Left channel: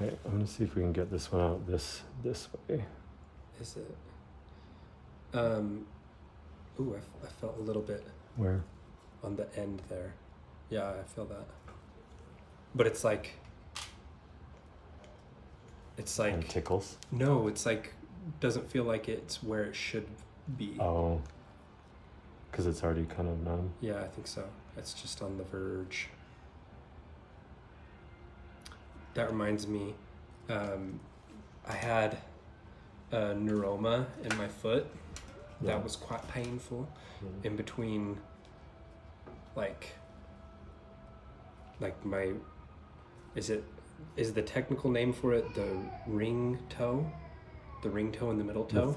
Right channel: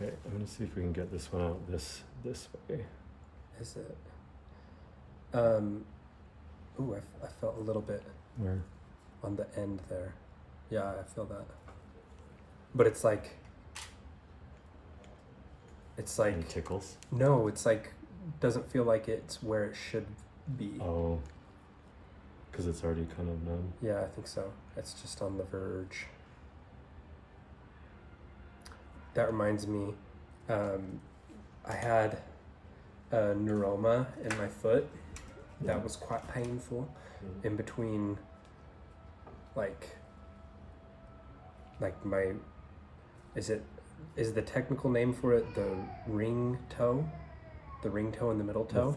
Okay, I'm gonna see if we can get this one out this way. Is it? Ooh, I felt a little bit Where? on the end there. Yeah, I feel that. But it's like It tickles. No, it's like doesn't feel like it's where it should be. Oh, because it's already kind of numb. Yeah, I think so. It's just on the verge. That reminds me, I had a neuroma in my foot. Yeah. That was quite painful. In between, like my, is the technical name for it the ring toe? The ring toe and the middle toe?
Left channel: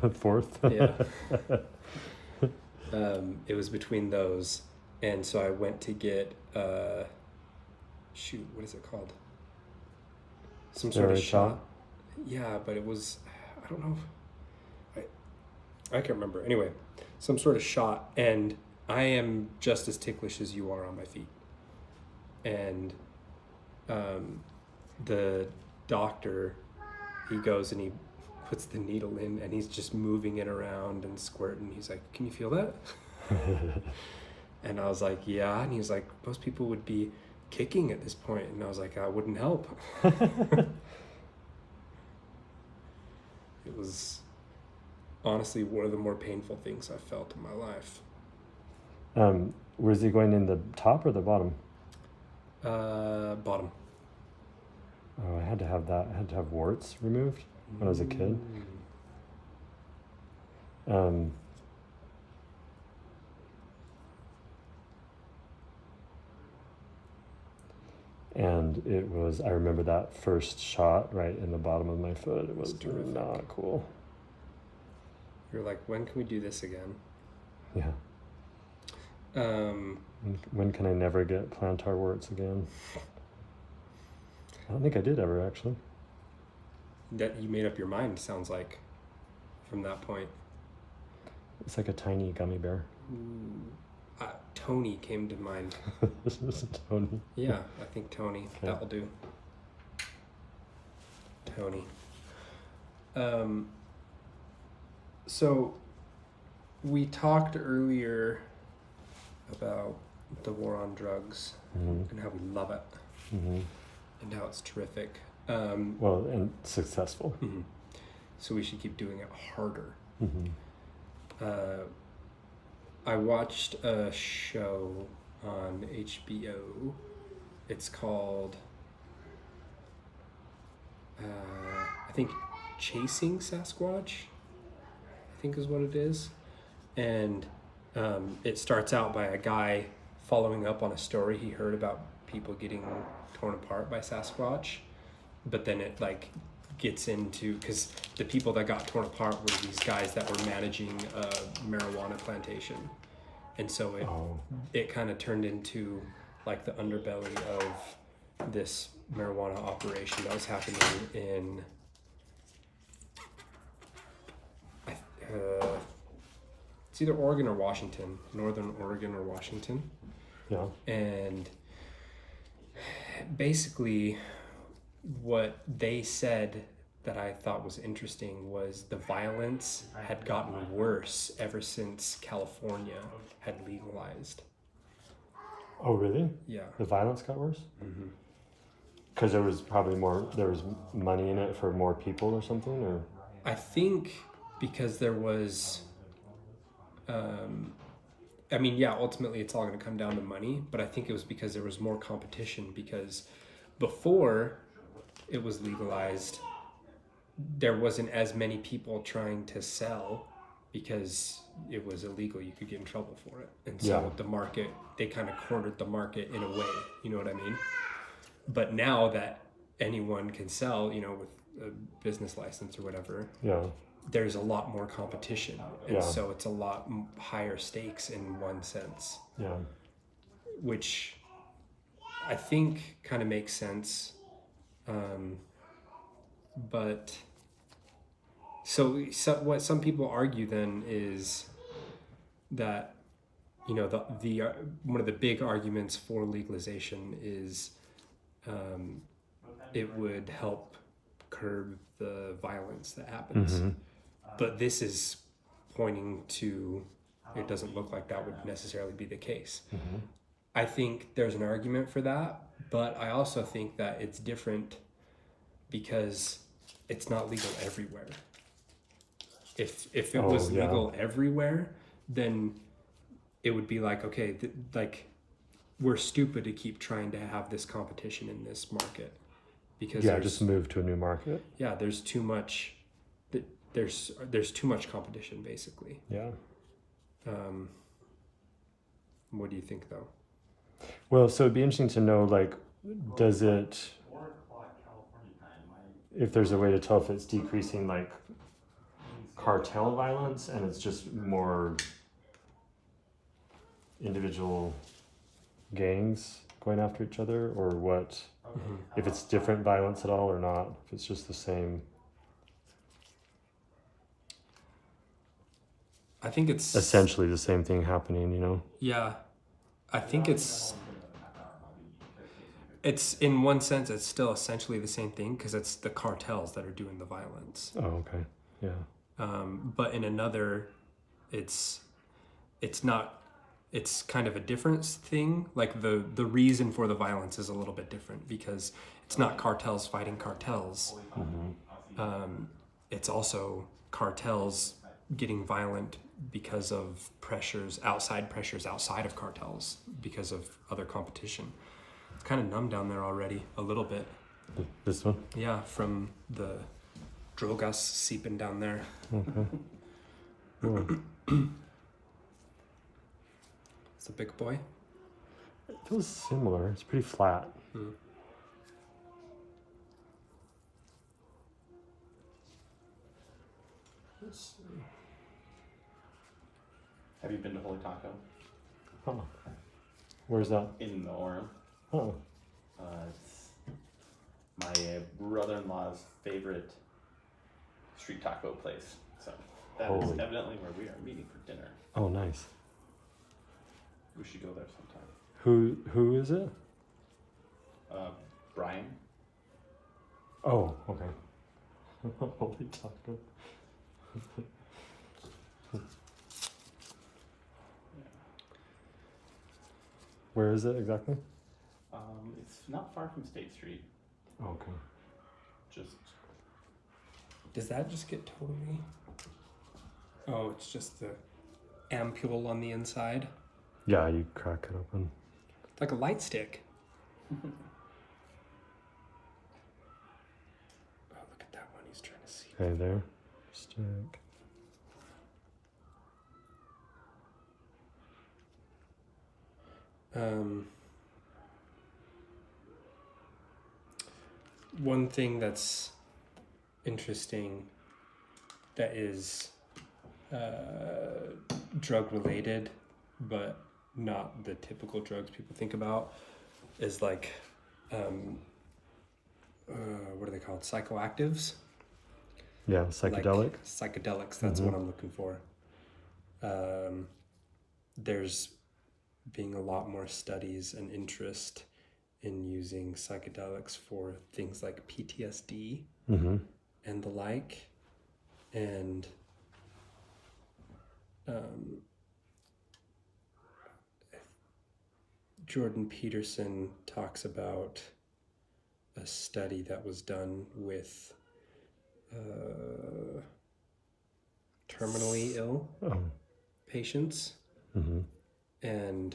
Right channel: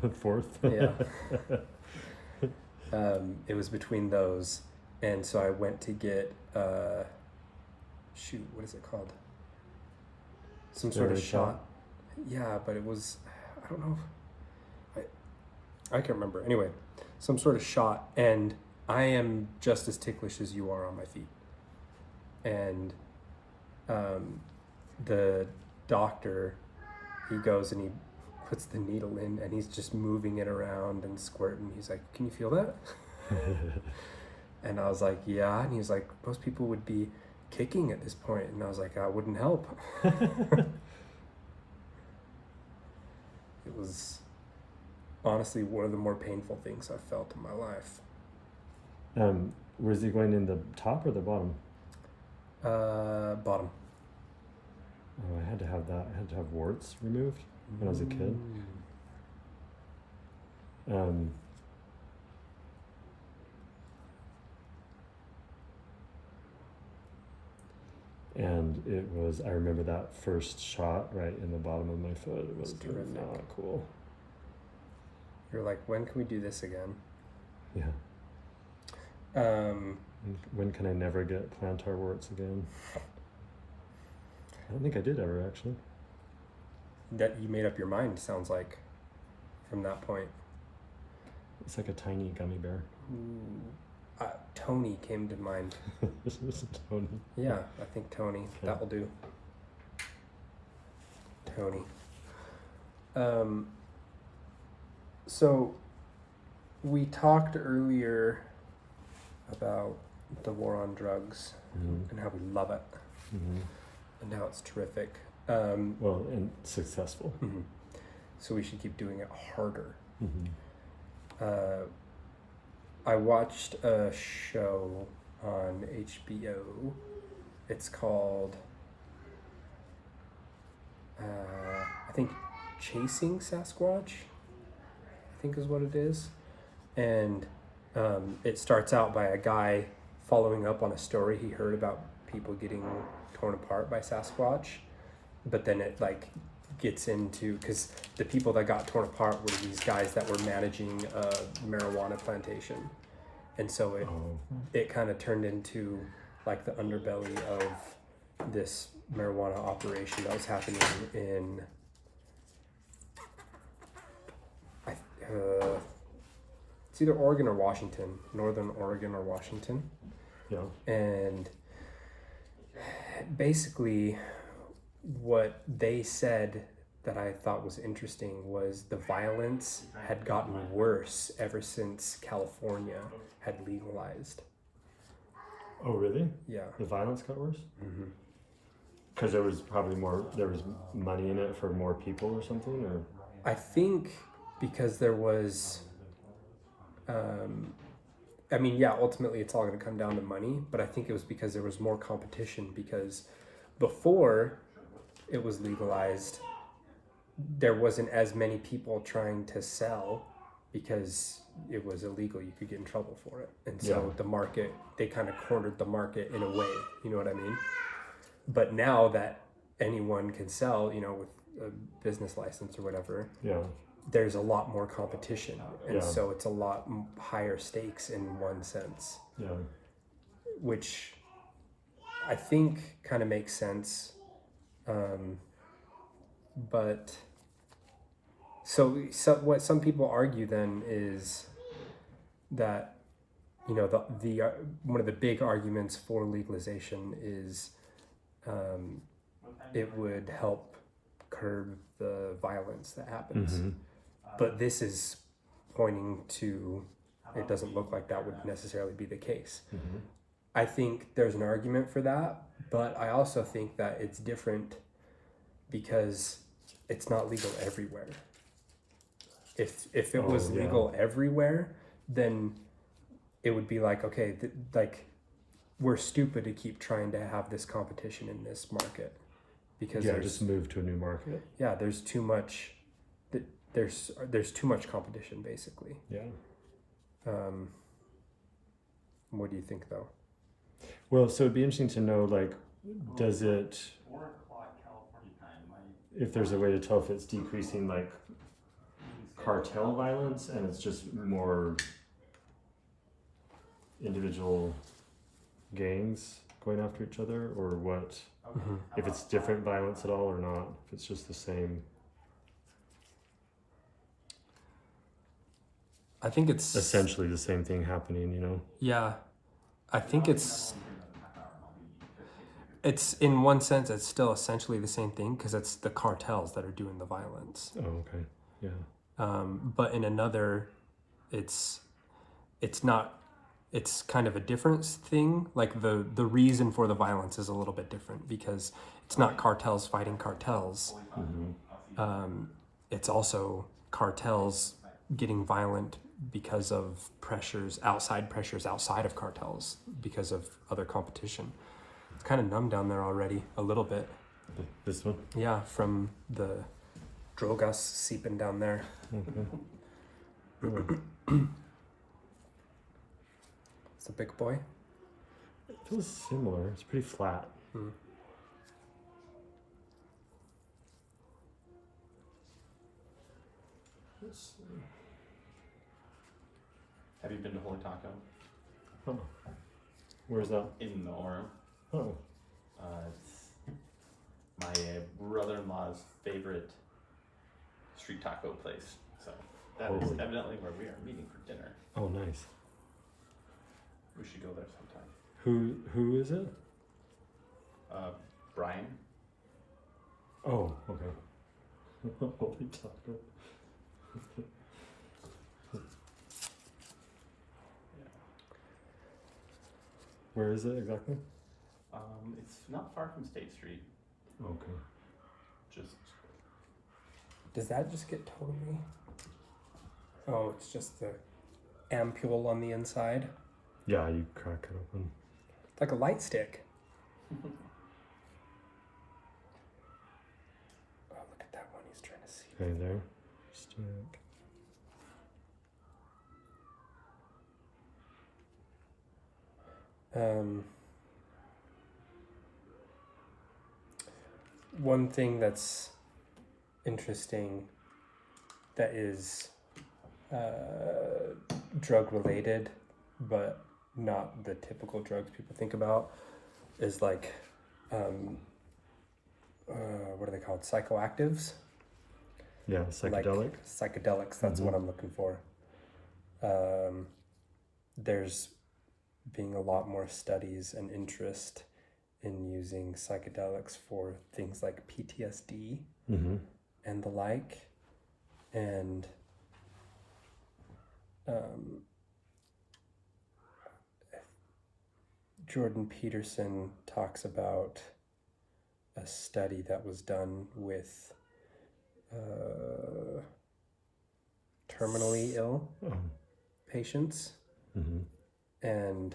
The fourth. Yeah. It was between those, and so I went to get shoot, what is it called? Some sort of shot. Yeah, but it was, I don't know. I can't remember. Anyway, some sort of shot, and I am just as ticklish as you are on my feet. And the doctor, he goes and he puts the needle in, and he's just moving it around and squirting. He's like, "Can you feel that?" And I was like, "Yeah." And he's like, "Most people would be kicking at this point." And I was like, "I wouldn't help." It was honestly one of the more painful things I've felt in my life. Was he going in the top or the bottom? Bottom. Oh, I had to have that. I had to have warts removed when I was a kid. And it was, I remember that first shot right in the bottom of my foot. It was not cool. You're like, when can we do this again? Yeah. When can I never get plantar warts again? I don't think I did ever, actually. That you made up your mind, sounds like, from that point. It's like a tiny gummy bear. Ooh. Tony came to mind. This is Tony. Yeah, I think Tony. Okay. That will do. Tony. So we talked earlier about the war on drugs and how we love it and how it's terrific. Well, and successful. So we should keep doing it harder. I watched a show on HBO. It's called, I think, Chasing Sasquatch, I think is what it is. And it starts out by a guy following up on a story he heard about people getting torn apart by Sasquatch. But then it like gets into, because the people that got torn apart were these guys that were managing a marijuana plantation, and so it kind of turned into like the underbelly of this marijuana operation that was happening in it's either Oregon or Washington, Northern Oregon or Washington. Yeah. And basically what they said that I thought was interesting was the violence had gotten worse ever since California had legalized. Oh, really? Yeah. The violence got worse? Because there was probably there was money in it for more people or something? Or I think because there was, ultimately it's all going to come down to money, but I think it was because there was more competition, because before it was legalized, there wasn't as many people trying to sell because it was illegal. You could get in trouble for it. And so the market, they kind of cornered the market in a way, you know what I mean? But now that anyone can sell, with a business license or whatever, there's a lot more competition. And so it's a lot higher stakes in one sense. Yeah. Which I think kind of makes sense. But so what some people argue then is that, the one of the big arguments for legalization is it would help curb the violence that happens. Mm-hmm. But this is pointing to it doesn't look like that would necessarily be the case. Mm-hmm. I think there's an argument for that, but I also think that it's different because it's not legal everywhere. If it was legal everywhere, then it would be like, okay, like we're stupid to keep trying to have this competition in this market because just move to a new market. Yeah, there's too much. There's too much competition, basically. Yeah. What do you think, though? Well, so it'd be interesting to know, like, does it, if there's a way to tell if it's decreasing, like, cartel violence and it's just more individual gangs going after each other, or what? If it's different violence at all or not, if it's just the same. I think it's essentially the same thing happening, you know? Yeah, I think it's in one sense it's still essentially the same thing because it's the cartels that are doing the violence. Oh, okay. Yeah. But in another, it's not. It's kind of a different thing. Like the reason for the violence is a little bit different because it's not cartels fighting cartels. Mm-hmm. It's also cartels getting violent because of pressures outside of cartels because of other competition. It's kind of numb down there already a little bit. This one? Yeah, from the drogas seeping down there. Okay. Cool. It's a big boy. It feels similar. It's pretty flat. Let's see. Have you been to Holy Taco? Huh. Where's that? In the Orem. Oh. It's my brother-in-law's favorite street taco place. So that is evidently where we are meeting for dinner. Oh, nice. We should go there sometime. Who is it? Brian. Oh, okay. Holy taco. Where is it exactly? It's not far from State Street. Okay. Just. Does that just get totally? Oh, it's just the ampule on the inside. Yeah, you crack it open. It's like a light stick. Oh, look at that one. He's trying to see. Okay, there. Stick. One thing that's interesting that is drug related, but not the typical drugs people think about, is like what are they called? Psychoactives. Yeah, psychedelic. Like psychedelics. That's what I'm looking for. There's being a lot more studies and interest in using psychedelics for things like PTSD and the like. And Jordan Peterson talks about a study that was done with terminally ill patients, and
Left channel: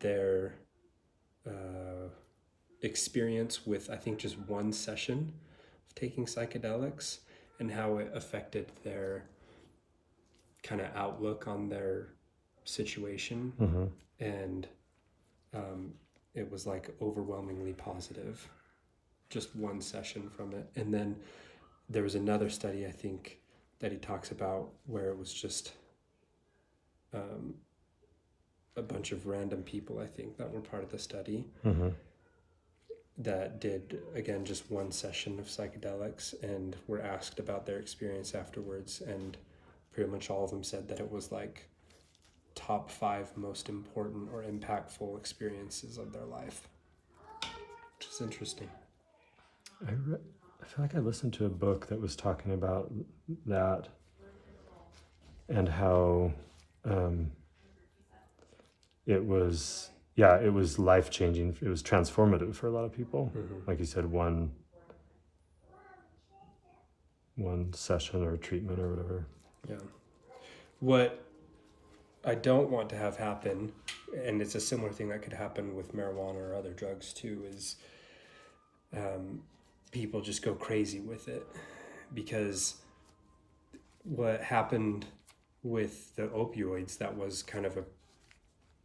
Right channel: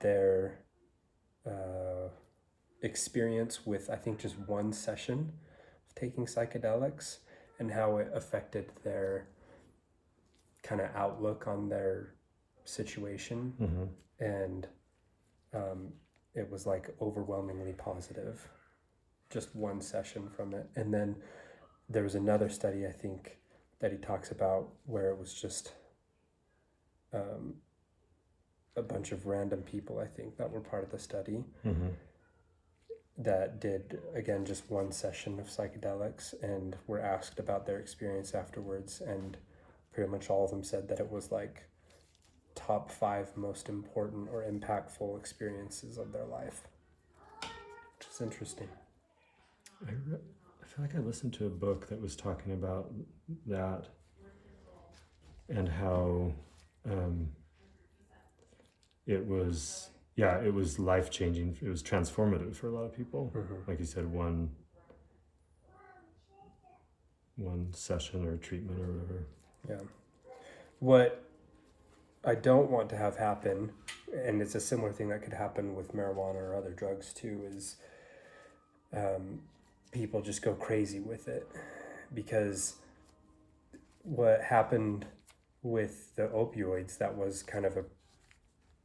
their experience with, I think, just one session of taking psychedelics and how it affected their kind of outlook on their situation. And it was like overwhelmingly positive, just one session from it. And then there was another study, I think, that he talks about where it was just a bunch of random people, I think, that were part of the study that did, again, just one session of psychedelics and were asked about their experience afterwards. And pretty much all of them said that it was like top 5 most important or impactful experiences of their life, which is interesting. I feel like I listened to a book that was talking about that and how it was life changing. It was transformative for a lot of people. Like you said, one session or treatment or whatever. Yeah. What I don't want to have happen, and it's a similar thing that could happen with marijuana or other drugs too, is people just go crazy with it. Because what happened with the opioids, that was kind of a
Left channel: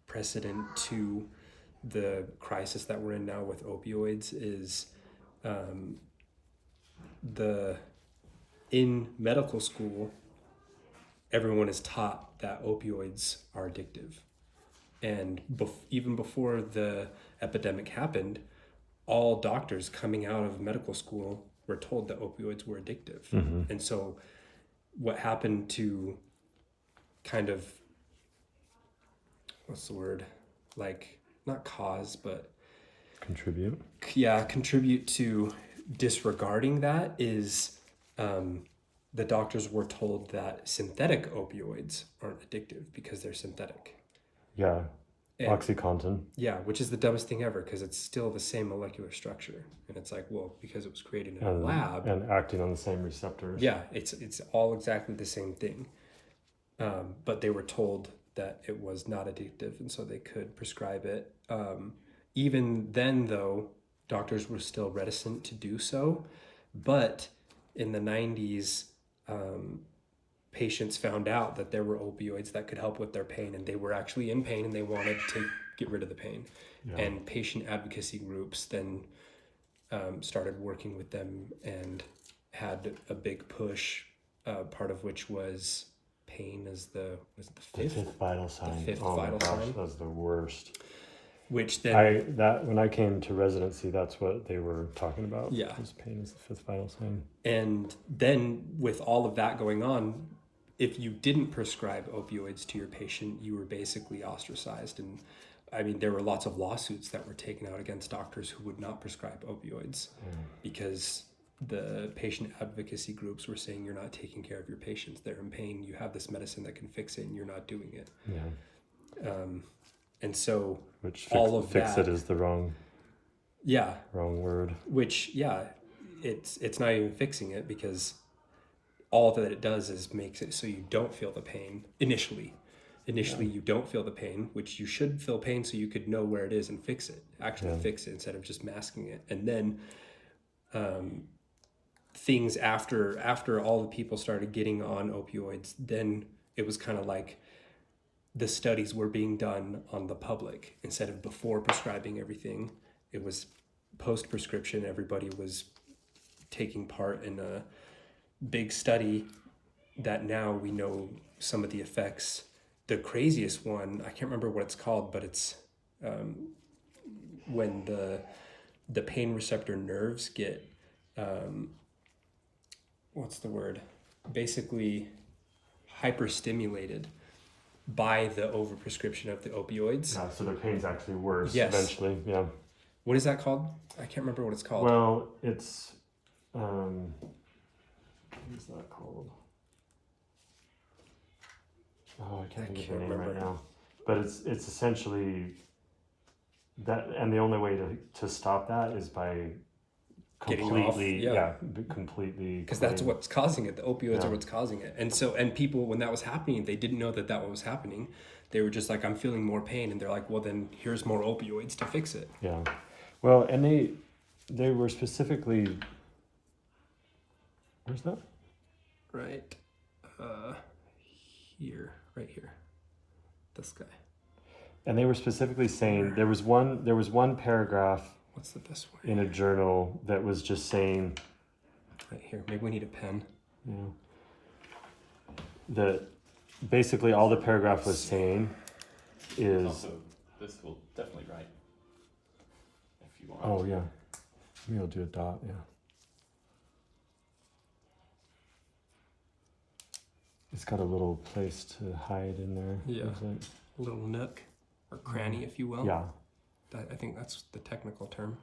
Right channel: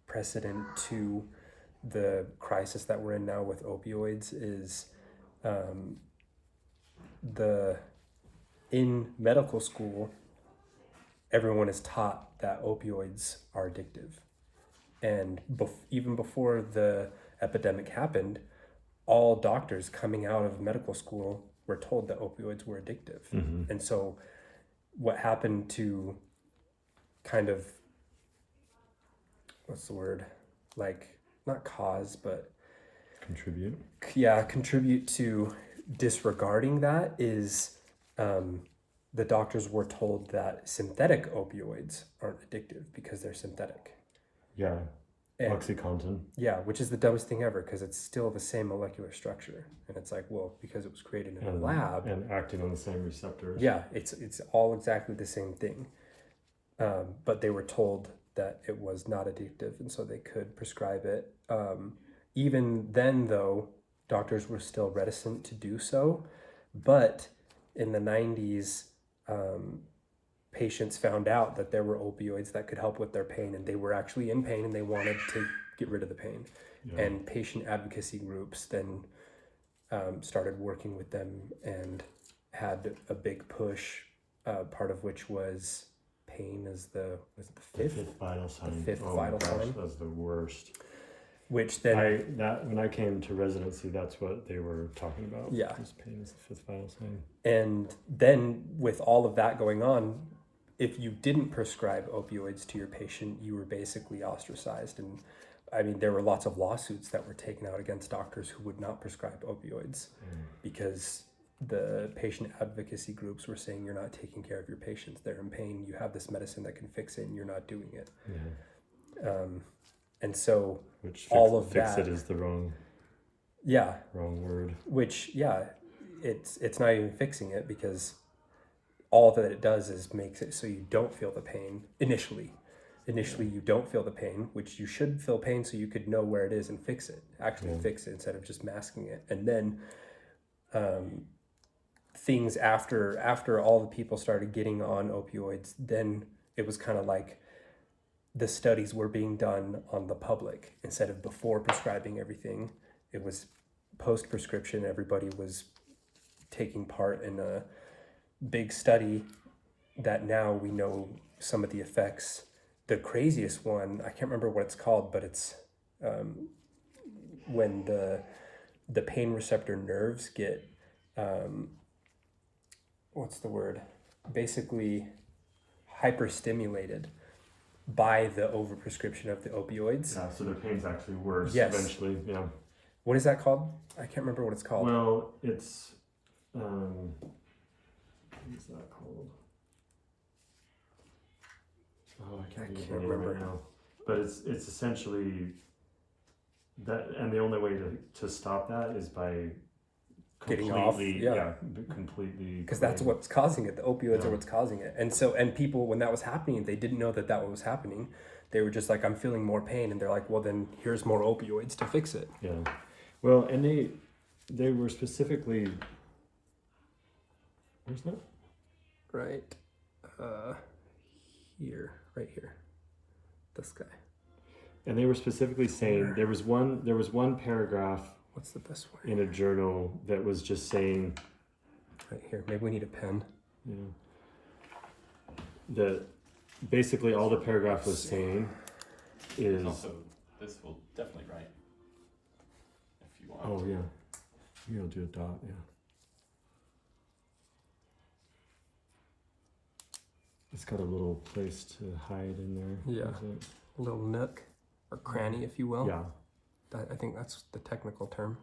precedent to the crisis that we're in now with opioids, is in medical school, everyone is taught that opioids are addictive. And even before the epidemic happened, all doctors coming out of medical school were told that opioids were addictive. And so what happened to kind of, what's the word? Like, not cause, but contribute to disregarding that is the doctors were told that synthetic opioids aren't addictive because they're synthetic. Yeah. And, OxyContin. Yeah, which is the dumbest thing ever because it's still the same molecular structure. And it's like, well, because it was created in a lab. And acting on the same receptors. Yeah, it's all exactly the same thing. But they were told that it was not addictive, and so they could prescribe it. Even then, though, doctors were still reticent to do so. But in the 90s, patients found out that there were opioids that could help with their pain, and they were actually in pain and they wanted to get rid of the pain. Yeah. And patient advocacy groups then started working with them and had a big push, part of which was pain as the fifth vital sign. The fifth vital sign was the worst. Which then when I came to residency, that's what they were talking about. Yeah, was pain is the fifth vital sign. And then with all of that going on, if you didn't prescribe opioids to your patient, you were basically ostracized. And I mean, there were lots of lawsuits that were taken out against doctors who would not prescribe opioids because the patient advocacy groups were saying, you're not taking care of your patients. They're in pain. You have this medicine that can fix it and you're not doing it. Yeah. And so fix it is the wrong word. Which, it's not even fixing it because all that it does is makes it so you don't feel the pain initially. You don't feel the pain, which you should feel pain so you could know where it is and fix it. Fix it instead of just masking it. And then things after all the people started getting on opioids, then it was kind of like the studies were being done on the public instead of before prescribing everything. It was post-prescription. Everybody was taking part in a big study that now we know some of the effects. The craziest one, I can't remember what it's called, but it's when the pain receptor nerves get what's the word? Basically hyperstimulated by the overprescription of the opioids. Yeah, so the pain's actually worse eventually. Yeah. What is that called? I can't remember what it's called. Well, it's what is that called? Oh, I can't remember right now. But it's essentially that, and the only way to stop that is by getting off, completely, because that's what's causing it. The opioids are what's causing it. And so, and people, when that was happening, they didn't know that was happening. They were just like, I'm feeling more pain, and they're like, well, then here's more opioids to fix it. Yeah, well, and they were specifically, where's that? Right here, this guy. And they were specifically saying there was one paragraph. What's the best way? In a journal that was just saying. Right here. Maybe we need a pen. Yeah. That basically all the paragraph was saying is. Also, this will definitely write. If you want. Oh yeah. Maybe I'll do a dot. Yeah. It's got a little place to hide in there. Yeah. A little nook or cranny, if you will. Yeah. I think that's the technical term.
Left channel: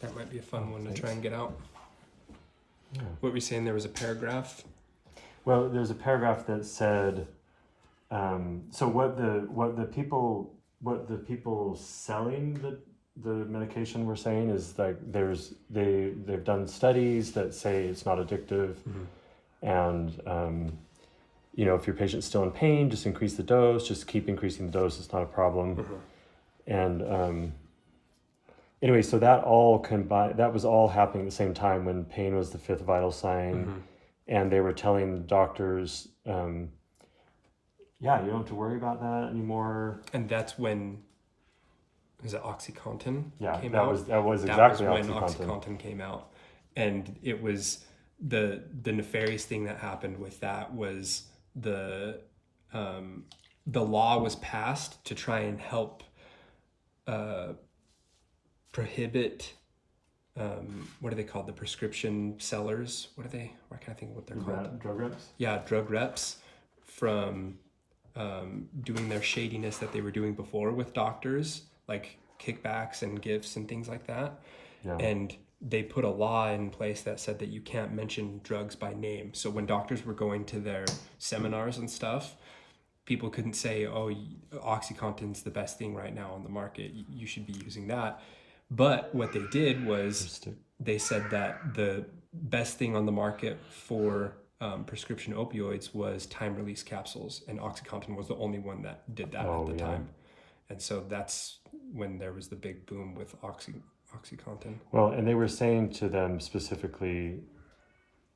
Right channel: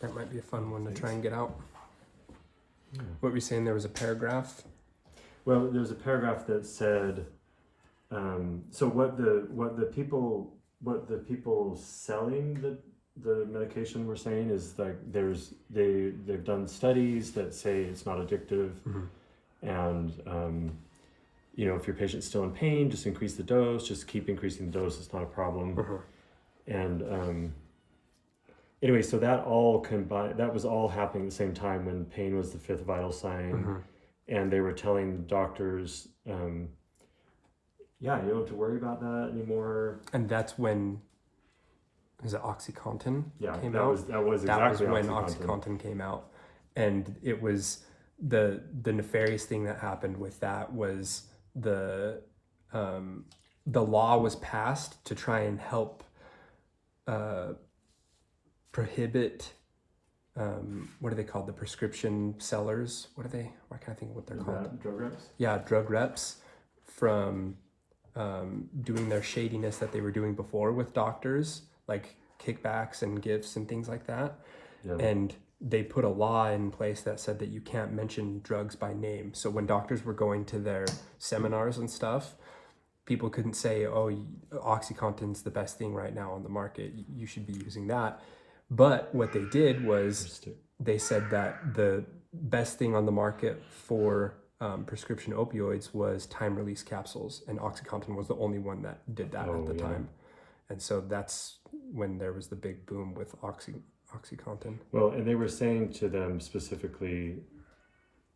That might be a fun one to Thanks. try and get out. Yeah. What were you saying? There was a paragraph. Well, there's a paragraph that said, so what the people selling the medication were saying is like they've done studies that say it's not addictive, and if your patient's still in pain, just increase the dose, just keep increasing the dose, it's not a problem. And anyway, so that all combined, that was all happening at the same time when pain was the fifth vital sign. And they were telling the doctors, yeah, you don't have to worry about that anymore. And that's when, is it OxyContin came that out? that was That was exactly when OxyContin. OxyContin came out. And it was the nefarious thing that happened with that was the law was passed to try and help prohibit what are they called? The prescription sellers. What are they? Why can't I think of what they're called? Drug reps? Yeah, drug reps from doing their shadiness that they were doing before with doctors, like kickbacks and gifts and things like that. Yeah. And they put a law in place that said that you can't mention drugs by name. So when doctors were going to their seminars and stuff, people couldn't say, oh, OxyContin's the best thing right now on the market, you should be using that. But what they did was they said that the best thing on the market for prescription opioids was time-release capsules, and OxyContin was the only one that did that at the time. And so that's when there was the big boom with OxyContin. Well, and they were saying to them specifically,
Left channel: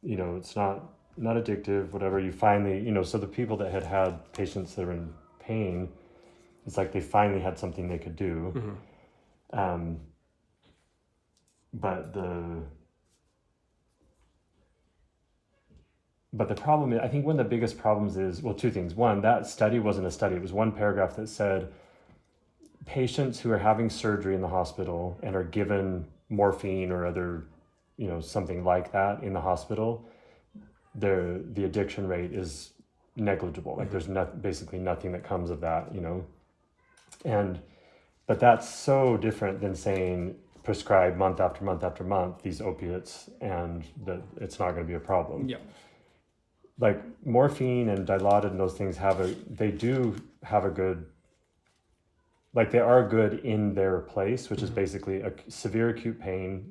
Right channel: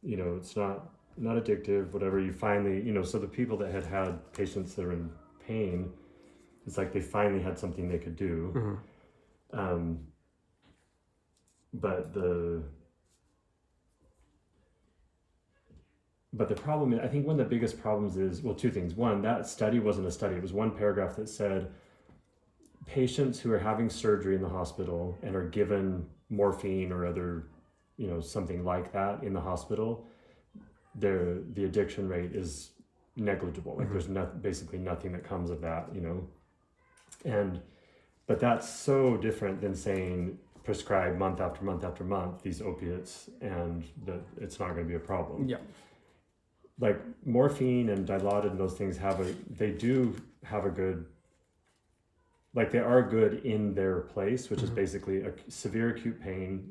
it's not addictive, whatever. You finally, so the people that had patients that were in pain, it's like they finally had something they could do. But the problem is, I think one of the biggest problems is, well, two things. One, that study wasn't a study. It was one paragraph that said patients who are having surgery in the hospital and are given morphine or other, something like that in the hospital, the addiction rate is negligible. Like there's basically nothing that comes of that, but that's so different than saying prescribe month after month after month these opiates and that it's not going to be a problem. Yeah. Like morphine and Dilaudid and those things they do have a good, like they are good in their place, which is basically a severe acute pain,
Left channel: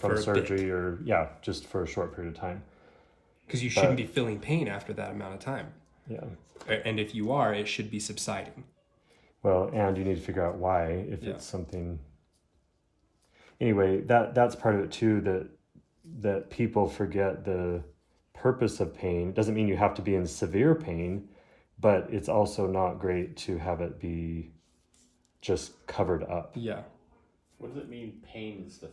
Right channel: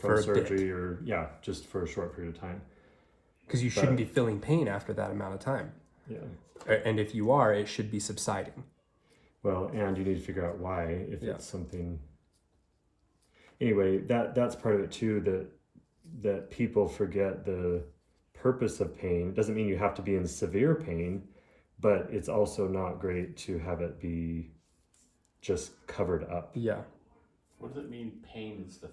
from surgery or just for a short period of time. Because you shouldn't be feeling pain after that amount of time. Yeah. And if you are, it should be subsiding. Well, and you need to figure out why, if it's something. Anyway, that's part of it too, that people forget the purpose of pain. It doesn't mean you have to be in severe pain, but it's also not great to have it be just covered up. Yeah. What does it mean pain is the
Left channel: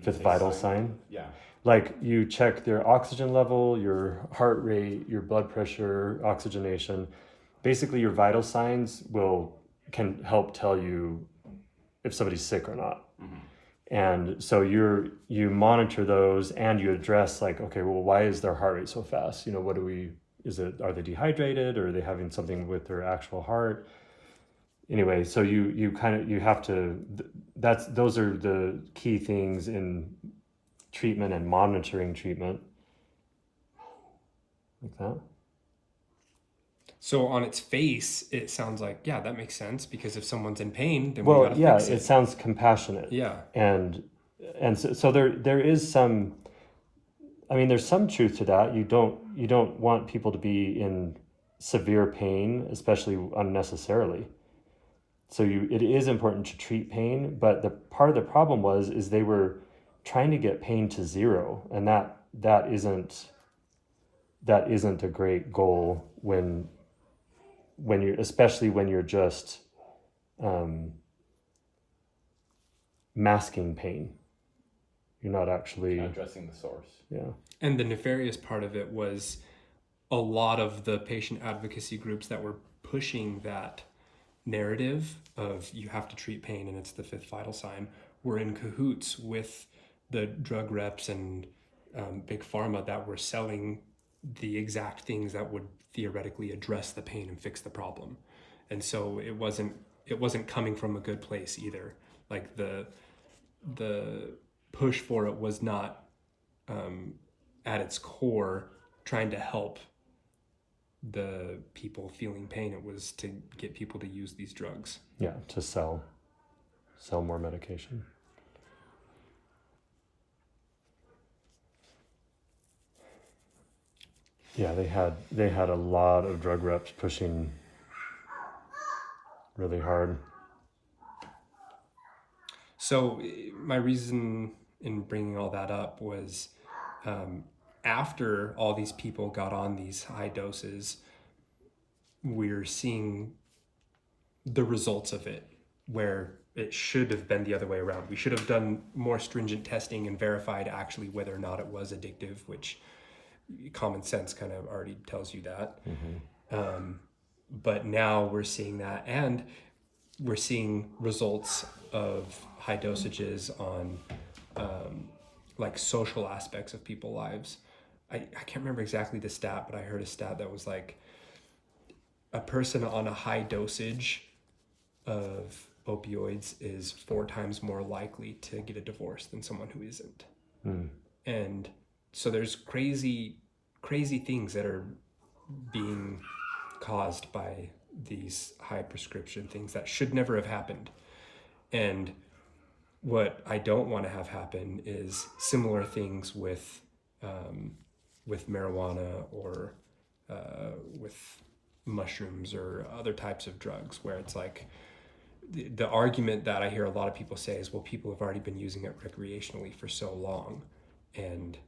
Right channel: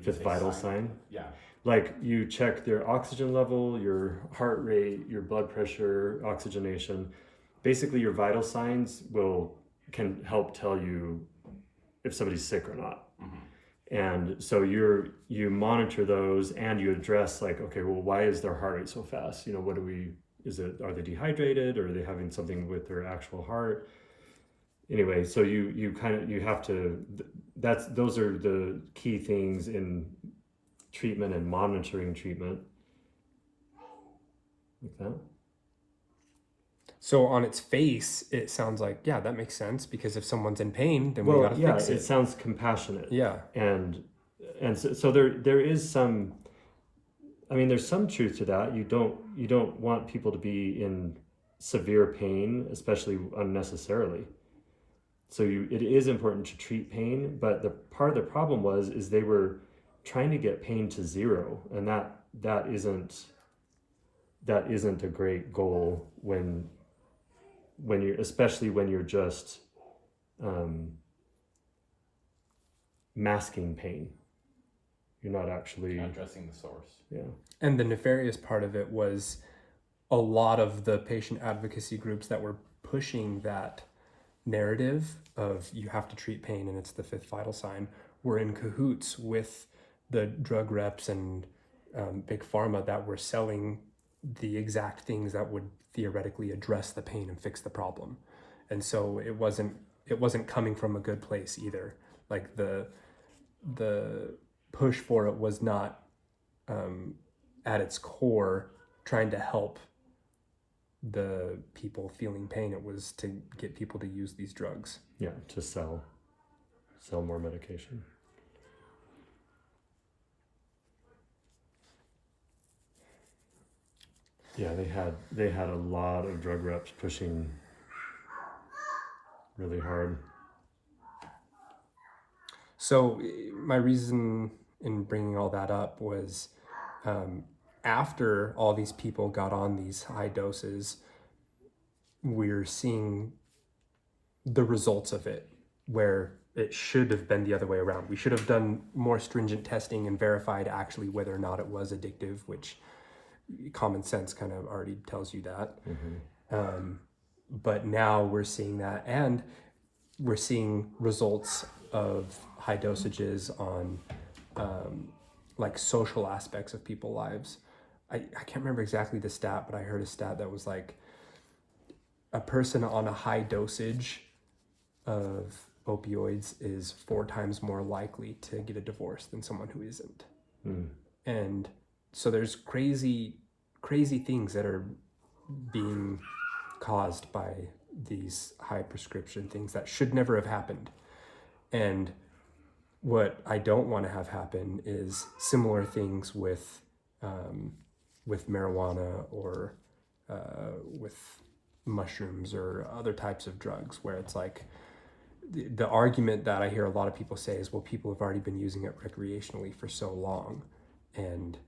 fifth vital sign? Yeah. Like you check their oxygen level, your heart rate, your blood pressure, oxygenation. Basically your vital signs can help tell you if somebody's sick or not. And so you monitor those and you address like, okay, well, why is their heart rate so fast? Are they dehydrated or are they having something with their actual heart? Anyway, so you have to, those are the key things in treatment and monitoring treatment. Like that. So on its face, it sounds like, that makes sense, because if someone's in pain, then we gotta fix it. It sounds compassionate. Yeah. And so there is some, there's some truth to that. You don't want people to be in severe pain, especially unnecessarily. So it is important to treat pain, but the part of the problem is they were trying to get pain to zero, and that isn't a great goal when you're just masking pain. You're not actually addressing the source. Yeah. And the nefarious part of it was a lot of the patient advocacy groups that were pushing that narrative of you have to treat pain and it's the fifth vital sign were in cahoots with the drug reps and big pharma that were selling the exact things that would theoretically address the pain and fix the problem. And so it wasn't coming from a good place either. Like the push for it was not at its core trying to help the people feeling pain. It was to get people to use these drugs. Yeah, to sell more medication. Yeah, they had a lot of drug reps pushing really hard. So my reason in bringing all that up was after all these people got on these high doses, we're seeing the results of it, where it should have been the other way around. We should have done more stringent testing and verified actually whether or not it was addictive, which common sense kind of already tells you that. But now we're seeing that, and we're seeing results of high dosages on like social aspects of people's lives. I can't remember exactly the stat, but I heard a stat that was like a person on a high dosage of opioids is 4 times more likely to get a divorce than someone who isn't. And so there's crazy things that are being caused by these high prescription things that should never have happened. And what I don't want to have happen is similar things with marijuana or with mushrooms or other types of drugs, where it's like the argument that I hear a lot of people say is, well, people have already been using it recreationally for so long and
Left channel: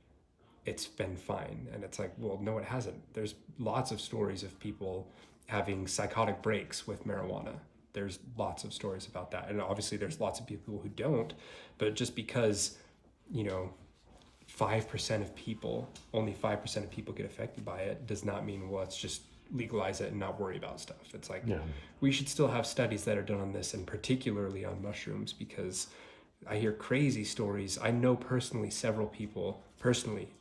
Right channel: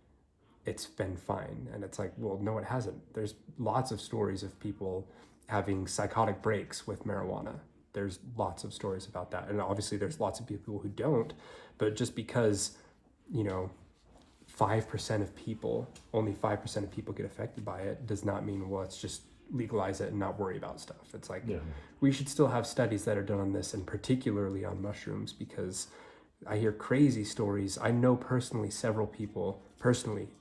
it's been fine. And it's like, well, no, it hasn't. There's lots of stories of people having psychotic breaks with marijuana. There's lots of stories about that. And obviously there's lots of people who don't, but just because, 5% of people, only 5% of people get affected by it does not mean, well, let's just legalize it and not worry about stuff. It's like, we should still have studies that are done on this, and particularly on mushrooms, because I hear crazy stories. I know personally several people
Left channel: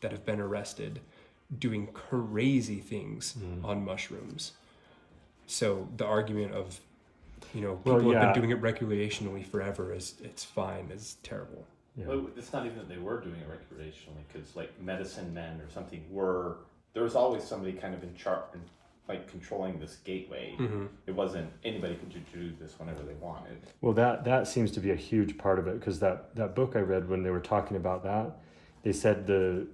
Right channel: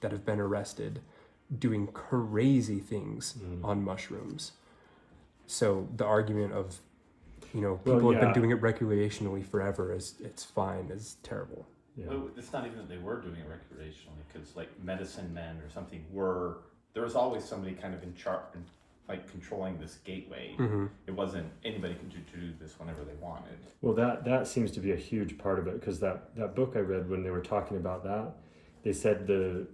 that have been arrested doing crazy things on mushrooms. So the argument of, people have been doing it recreationally forever it's fine is terrible. Yeah. Well, it's not even that they were doing it recreationally, because like medicine men or something there was always somebody kind of in charge, like controlling this gateway. It wasn't anybody could do this whenever they wanted. Well, that seems to be a huge part of it, because that book I read, when they were talking about that, they said the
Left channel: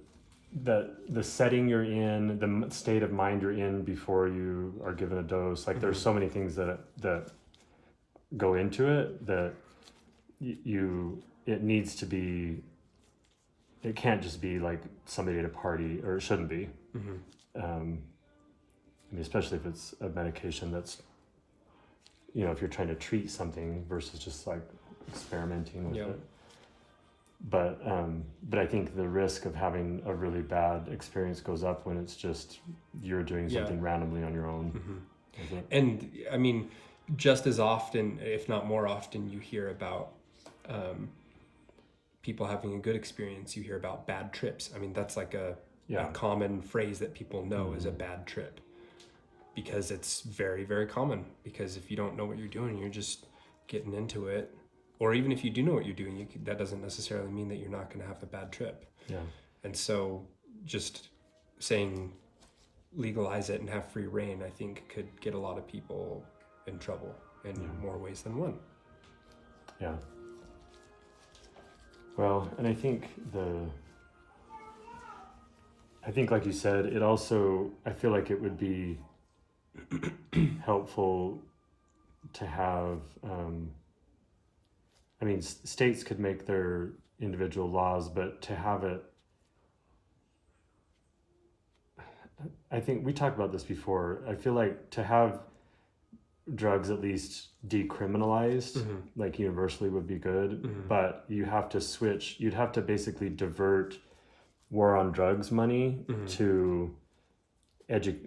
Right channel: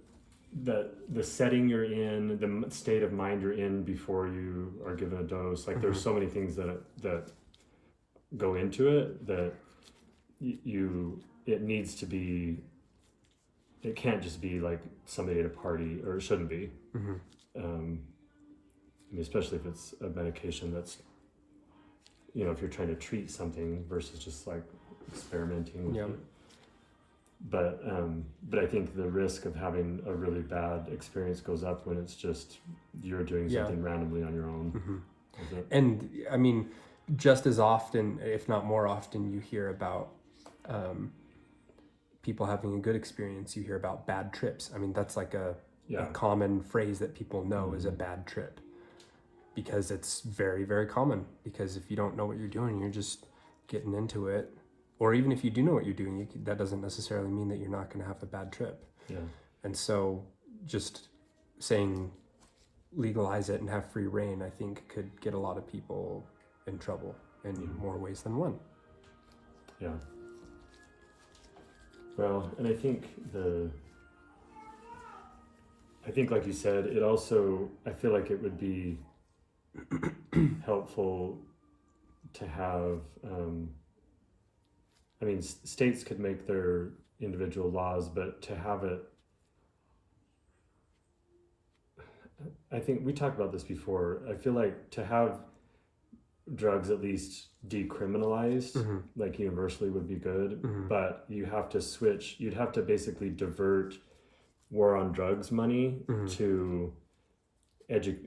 setting you're in, the state of mind you're in before you are given a dose, like there's so many things that go into it that it needs to be, it can't just be like somebody at a party, or it shouldn't be. I mean, especially if it's a medication that's, if you're trying to treat something versus just like experimenting with it. But I think the risk of having a really bad experience goes up when it's just you're doing something randomly on your own. And I mean, just as often, if not more often, you hear about people having a good experience. You hear about bad trips. I mean, that's like a common phrase that people know is a bad trip, because it's very, very common. Because if you don't know what you're doing, you're just getting into it. Or even if you do know what you're doing, that doesn't necessarily mean that you're not going to have a bad trip. Yeah. And so just saying legalize it and have free reign, I think could get a lot of people in trouble in more ways than one. Yeah. Well, and I think like you said, it also, I feel like it would be helpful to have, states could make their individual laws, but to have it, I think we talked about this before, I feel like to have drugs at least decriminalized, like universally, would be good, but you have to switch, you'd have to basically divert war on drugs money to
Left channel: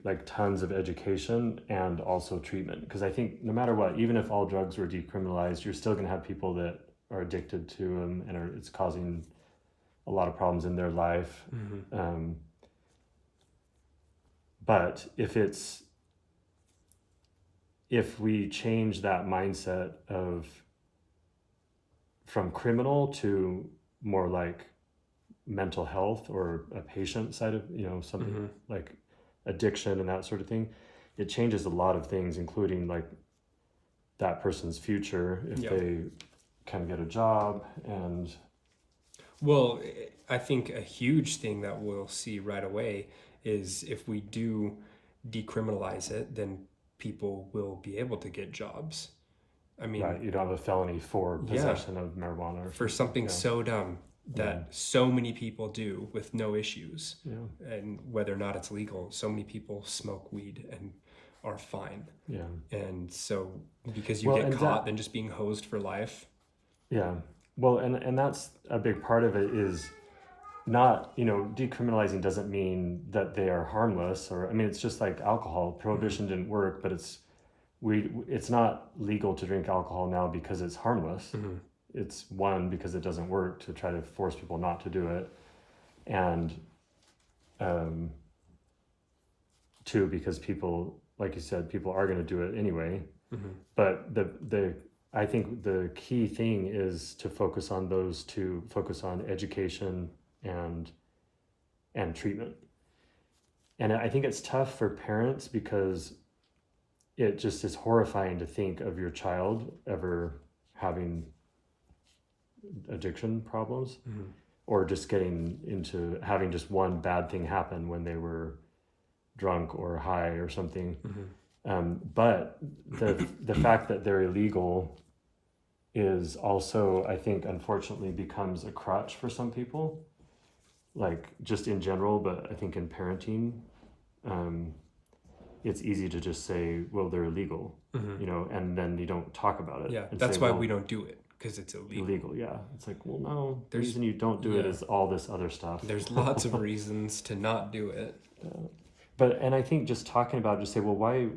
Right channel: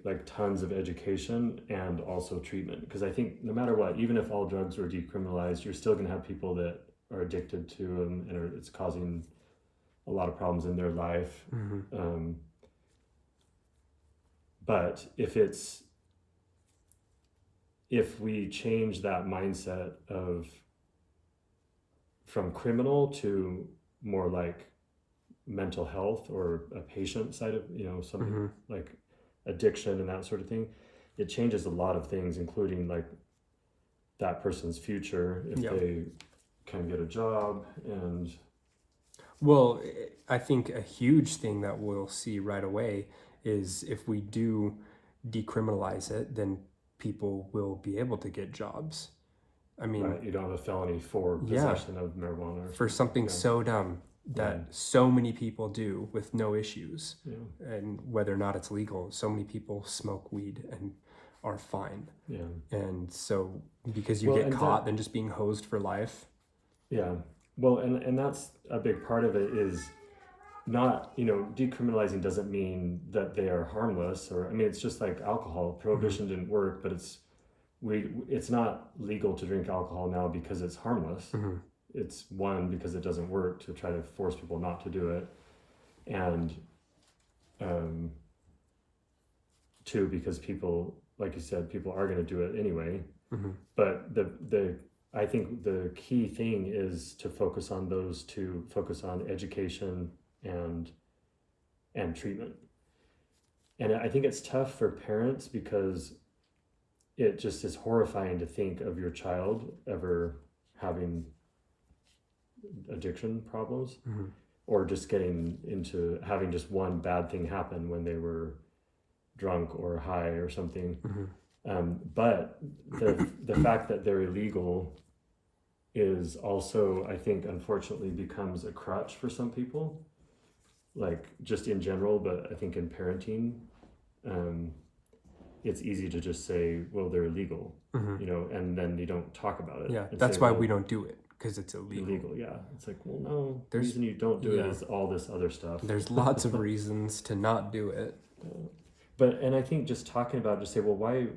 like tons of education and also treatment, because I think no matter what, even if all drugs were decriminalized, you're still going to have people that are addicted to them, and it's causing a lot of problems in their life. but if we change that mindset of from criminal to more like mental health or a patient side of, something like addiction and that sort of thing, it changes a lot of things, including like that person's future if they can get a job. And well, I think a huge thing that we'll see right away is if we do decriminalize it, then people will be able to get jobs. I mean, right, you don't have a felony for possession of marijuana for something so dumb that so many people do with no issues, and whether or not it's legal, so many people smoke weed and are fine. And so because you get caught, then just being hosed for life. Well, and that's a big part of it is not, decriminalizing doesn't mean that they are harmless, or I mean, it's just like alcohol. Prohibition didn't work, but it's not legal to drink alcohol now because it's harmless. It's one, because it doesn't work, to try to force people not to do it, and two, because people, like you said, people are going to do it anyway. But I think the key thing is to focus on education and treatment. And I think it's tough for parents because it just is horrifying to think of your child ever having addiction problems, or just getting into having just one bad thing happen when they were drunk or high or something. But the fact that they're illegal is also, I think, unfortunately becomes a crutch for some people, like just in general, but I think in parenting, it's easy to just say, well, they're illegal, and then you don't talk about it. Yeah, that's why we don't do it, because it's illegal. Yeah, it's like, well, no, the reason you don't do it is all this other stuff. There's lots of reasons to not do it. And I think just talking about it, just say, well, why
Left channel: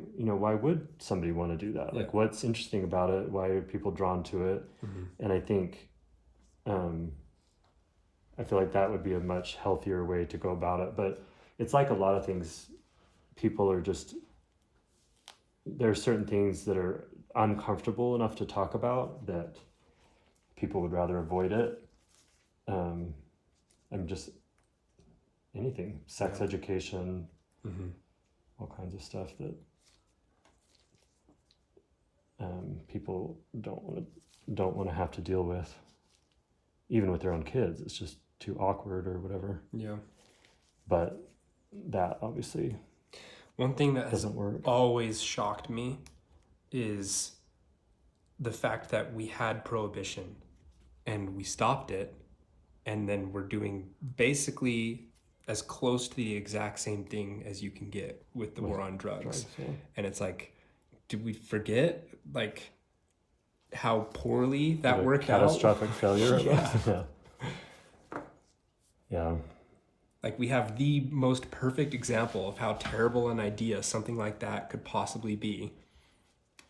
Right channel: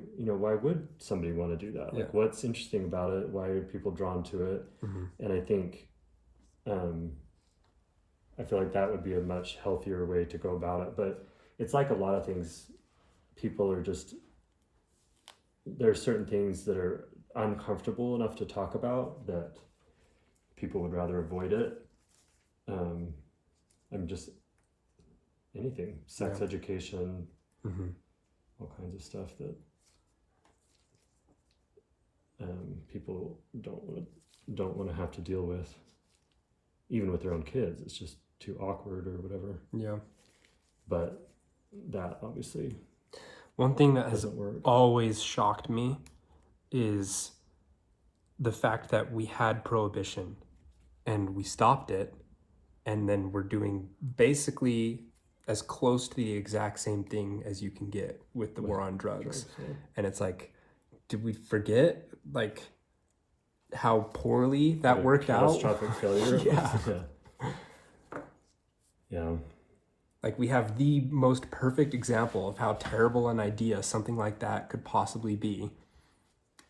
would somebody want to do that? Like, what's interesting about it? Why are people drawn to it? And I think, I feel like that would be a much healthier way to go about it. But it's like a lot of things, people are just, there are certain things that are uncomfortable enough to talk about that people would rather avoid it. I'm just anything, sex education, all kinds of stuff that people don't want to have to deal with, even with their own kids. It's just too awkward or whatever. But that obviously, one thing that has work. Always shocked me is the fact that we had prohibition and we stopped it, and then we're doing basically as close to the exact same thing as you can get with the war on drugs. And it's like, did we forget like how poorly that worked out? Catastrophic failure. Yeah. Like, we have the most perfect example of how terrible an idea something like that could possibly be.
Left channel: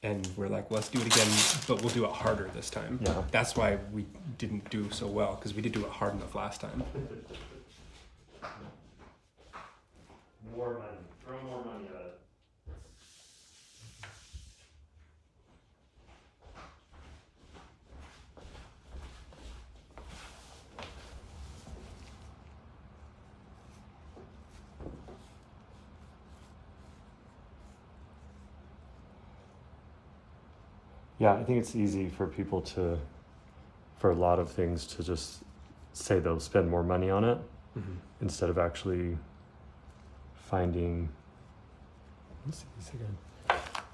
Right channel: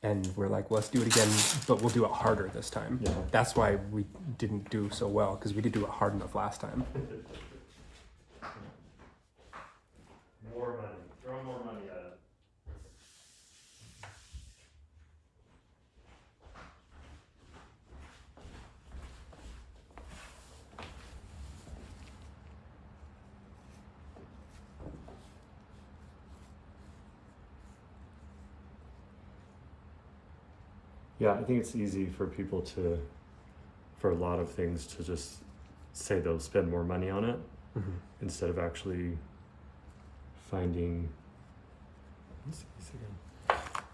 And we're like, let's do it again, but we'll do it harder this time. That's why we didn't do so well, because we didn't do it hard enough last time. More money. Throw more money at it. Yeah, I think it's easy for people for a lot of things to just say they'll spend more money on it instead of actually finding. Let's see this again.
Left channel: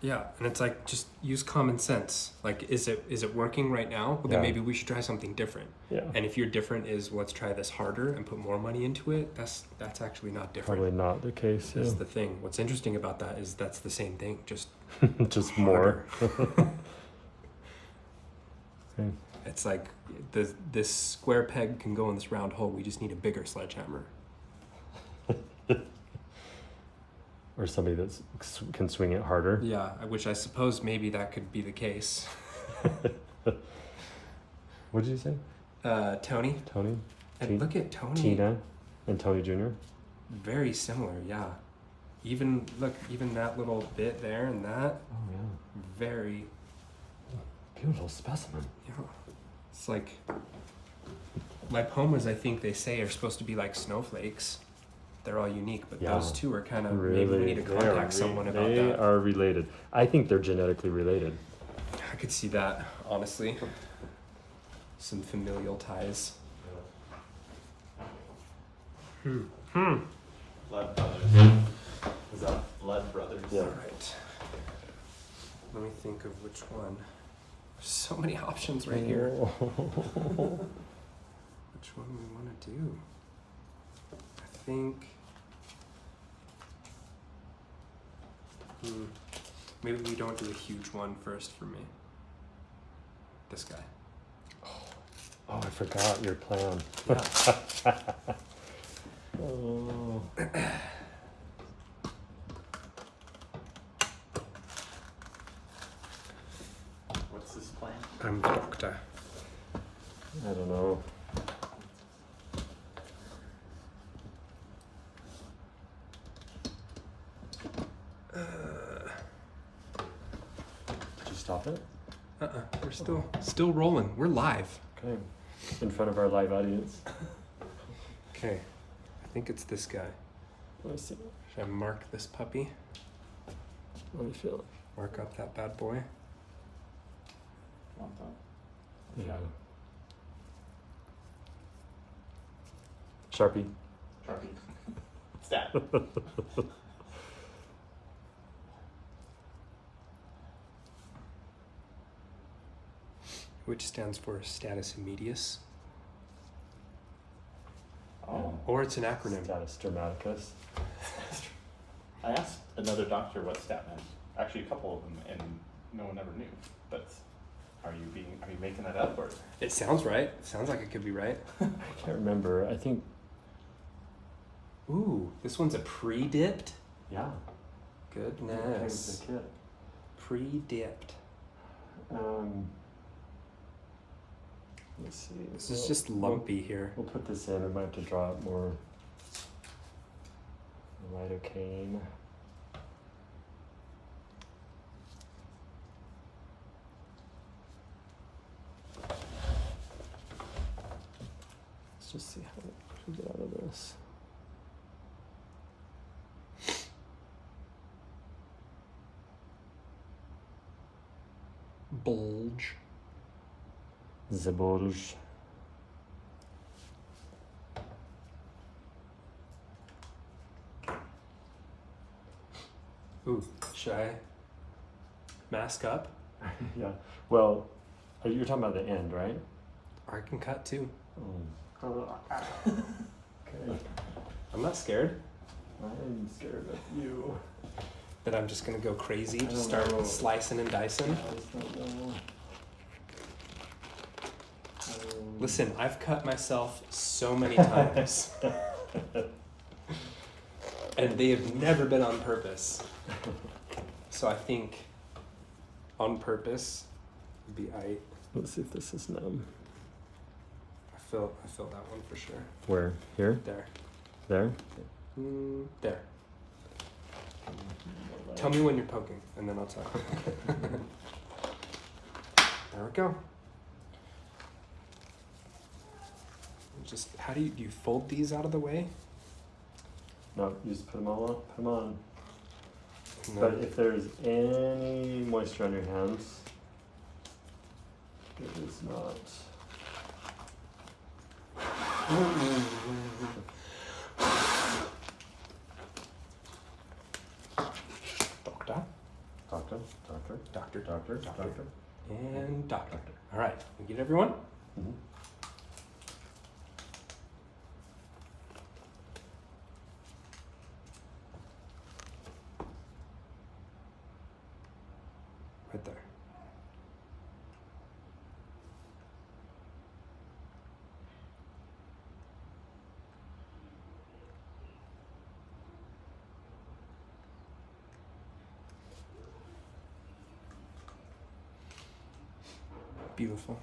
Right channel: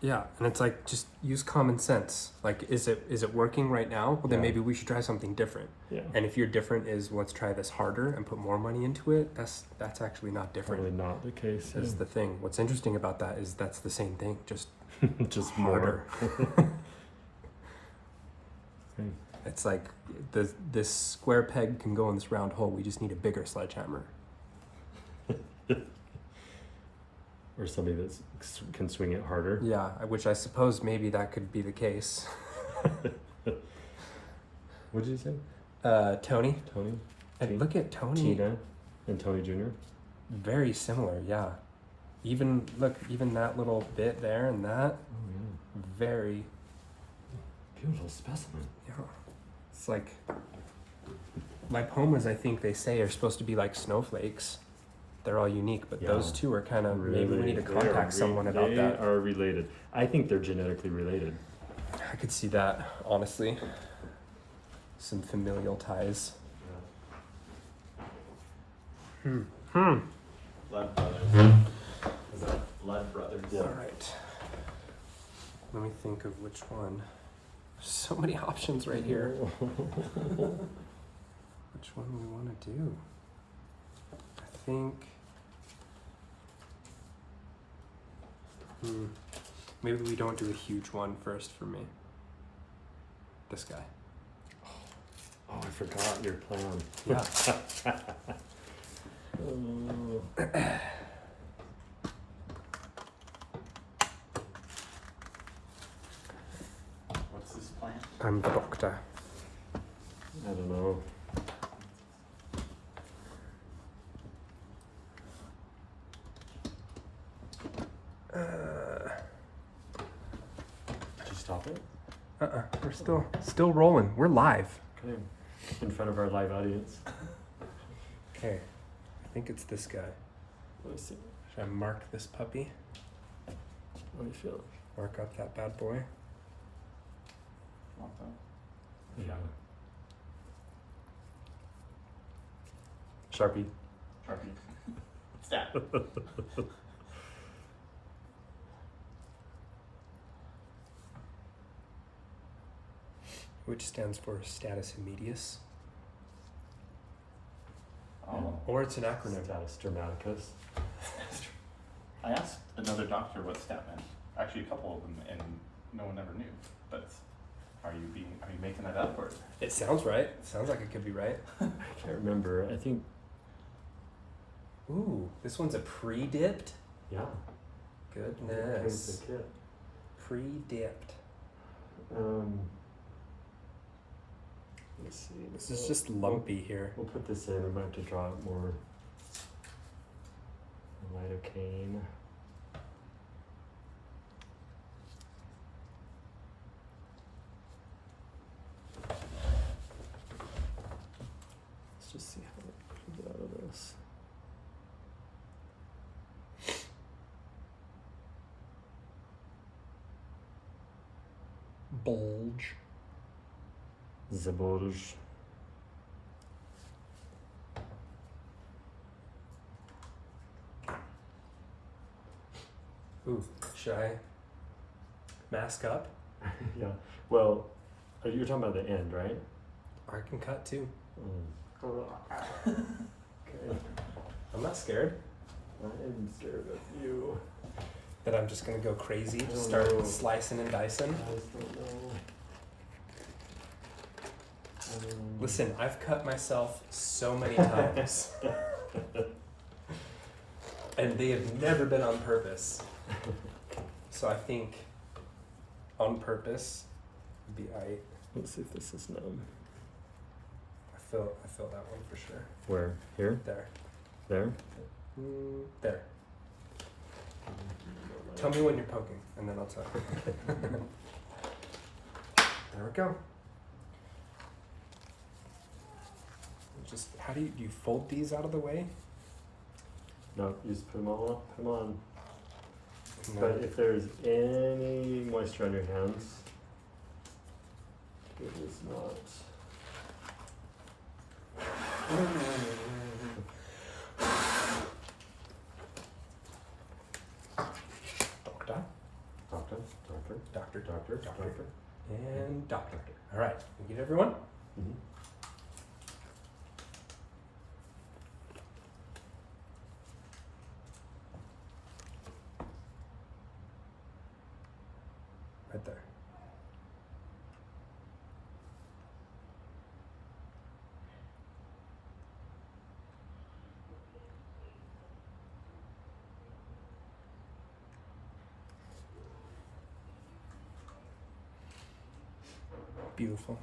Yeah, and it's like, just use common sense. Like, is it working right now? Well, then maybe we should try something different. And if your different is, let's try this harder and put more money into it, that's actually not different. Probably not the case. That's the thing. What's interesting about that is that's the same thing, just just more. It's like this square peg can go in this round hole. We just need a bigger sledgehammer. Or somebody that can swing it harder. Yeah, which I suppose maybe that could be the case. What did you say? Tony. And look at Tony. Tina and Tony Jr. Very similar, yeah. Even look, even that little bit there and that, Oh yeah. very, Beautiful specimen. yeah. It's like lipomas. I think they say are supposed to be like snowflakes. They're all unique, but Yeah. those two are kind of maybe we need to they are contact someone about they that. are related. I think they're genetically related. I could see that honestly. Some familial ties. Blood brothers. Is that? Blood brothers. Yeah. All right. Let me think of which one. There's so many options right here. Which one do we want to do? I think. Maybe we don't do a huge one first for me. This guy. Oh, I forgot your plan. Yeah. Oh. What's this plan? I'm the doctor. I don't know. Did you stop it? We're still rolling. We're live. Okay. In front of our live audience. Okay. I think it's this guy. Let me see. Should I mark this puppy? What do you feel? Mark up that bad boy. Want that? Yeah. Sharpie. Sharpie. Stat. Which stands for status immedius. Oh. Or it's an acronym. Status dramaticus. I asked another doctor what stat meant. Actually, a couple of them, and no one ever knew. But are you making that up, or? It sounds right. It sounds like it could be right. I can't remember. I think, Ooh, this one's a pre-dipped. yeah. Goodness. Here's the kit. Pre-dipped. Let's see. This is just lumpy here. We'll put this in. We might have to draw out more lidocaine. Let's just see how we get out of this. Bulge. Zabolj. Ooh, should I mask up? Yeah. Well, you're talking about the end, right? Or I can cut too. Okay. I'm not scared. I'm scared of you. That I'm just gonna go crazy, I just don't start know. slicing and dicing. I just don't know. Listen, I've cut myself so many times, and they have never been on purpose. So I think on purpose would be I Let's see if this is numb. feel that one for sure. Where? Here? There. There? There. Tell me when you're poking, and then I'll tell you. There we go. Just how do you fold these out of the way? No, you just put them all up, put them on. No. But if there's any moisture on your hands, it is not. Doctor, Doctor. and doctor. All right, we get everyone? Mm-hmm. Right there. Beautiful.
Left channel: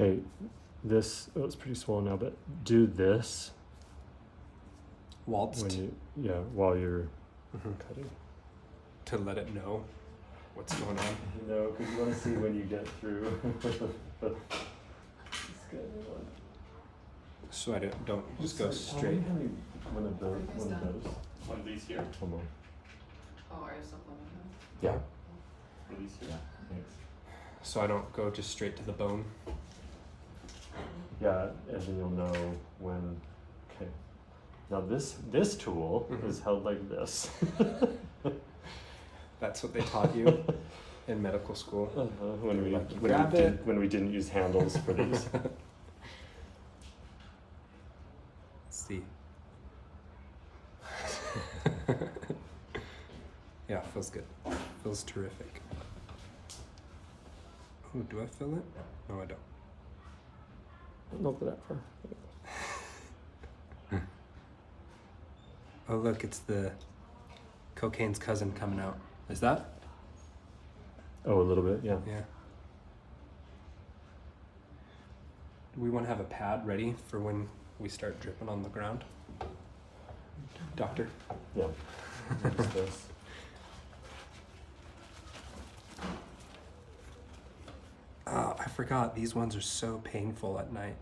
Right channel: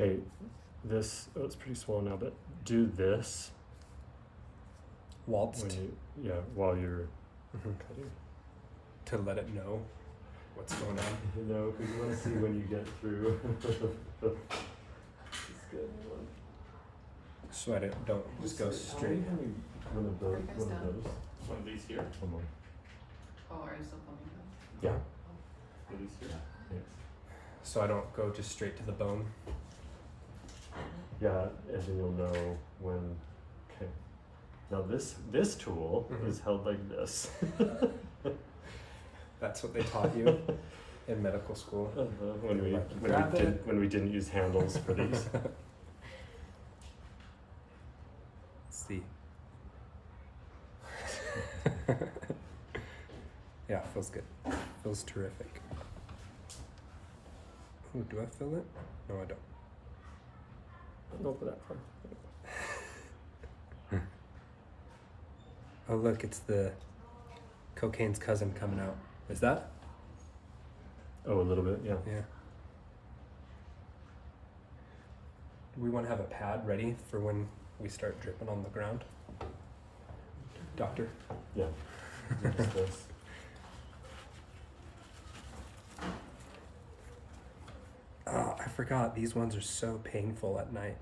Okay, this, oh, it's pretty swollen now, but do this Waltzed. when you, yeah, while you're cutting. To let it know what's going on. No, because you want to see when you get through. It's good. So I don't just go straight. One of those. One of these here. One more. Oh, are you still filming? Yeah. These here. Thanks. So I don't go just straight to the bone. Yeah, and then you'll know when. Okay. Now this tool is held like this. That's what they taught you in medical school. When we didn't use handles for these. See. Yeah, feels good. Feels terrific. Ooh, do I feel it? No, I don't. Open up for. Oh, look, it's the cocaine's cousin coming out. Is that? Oh, a little bit, yeah. Yeah. Do we want to have a pad ready for when we start dripping on the ground? Doctor? Yeah. Oh, I forgot. These ones are so painful at night.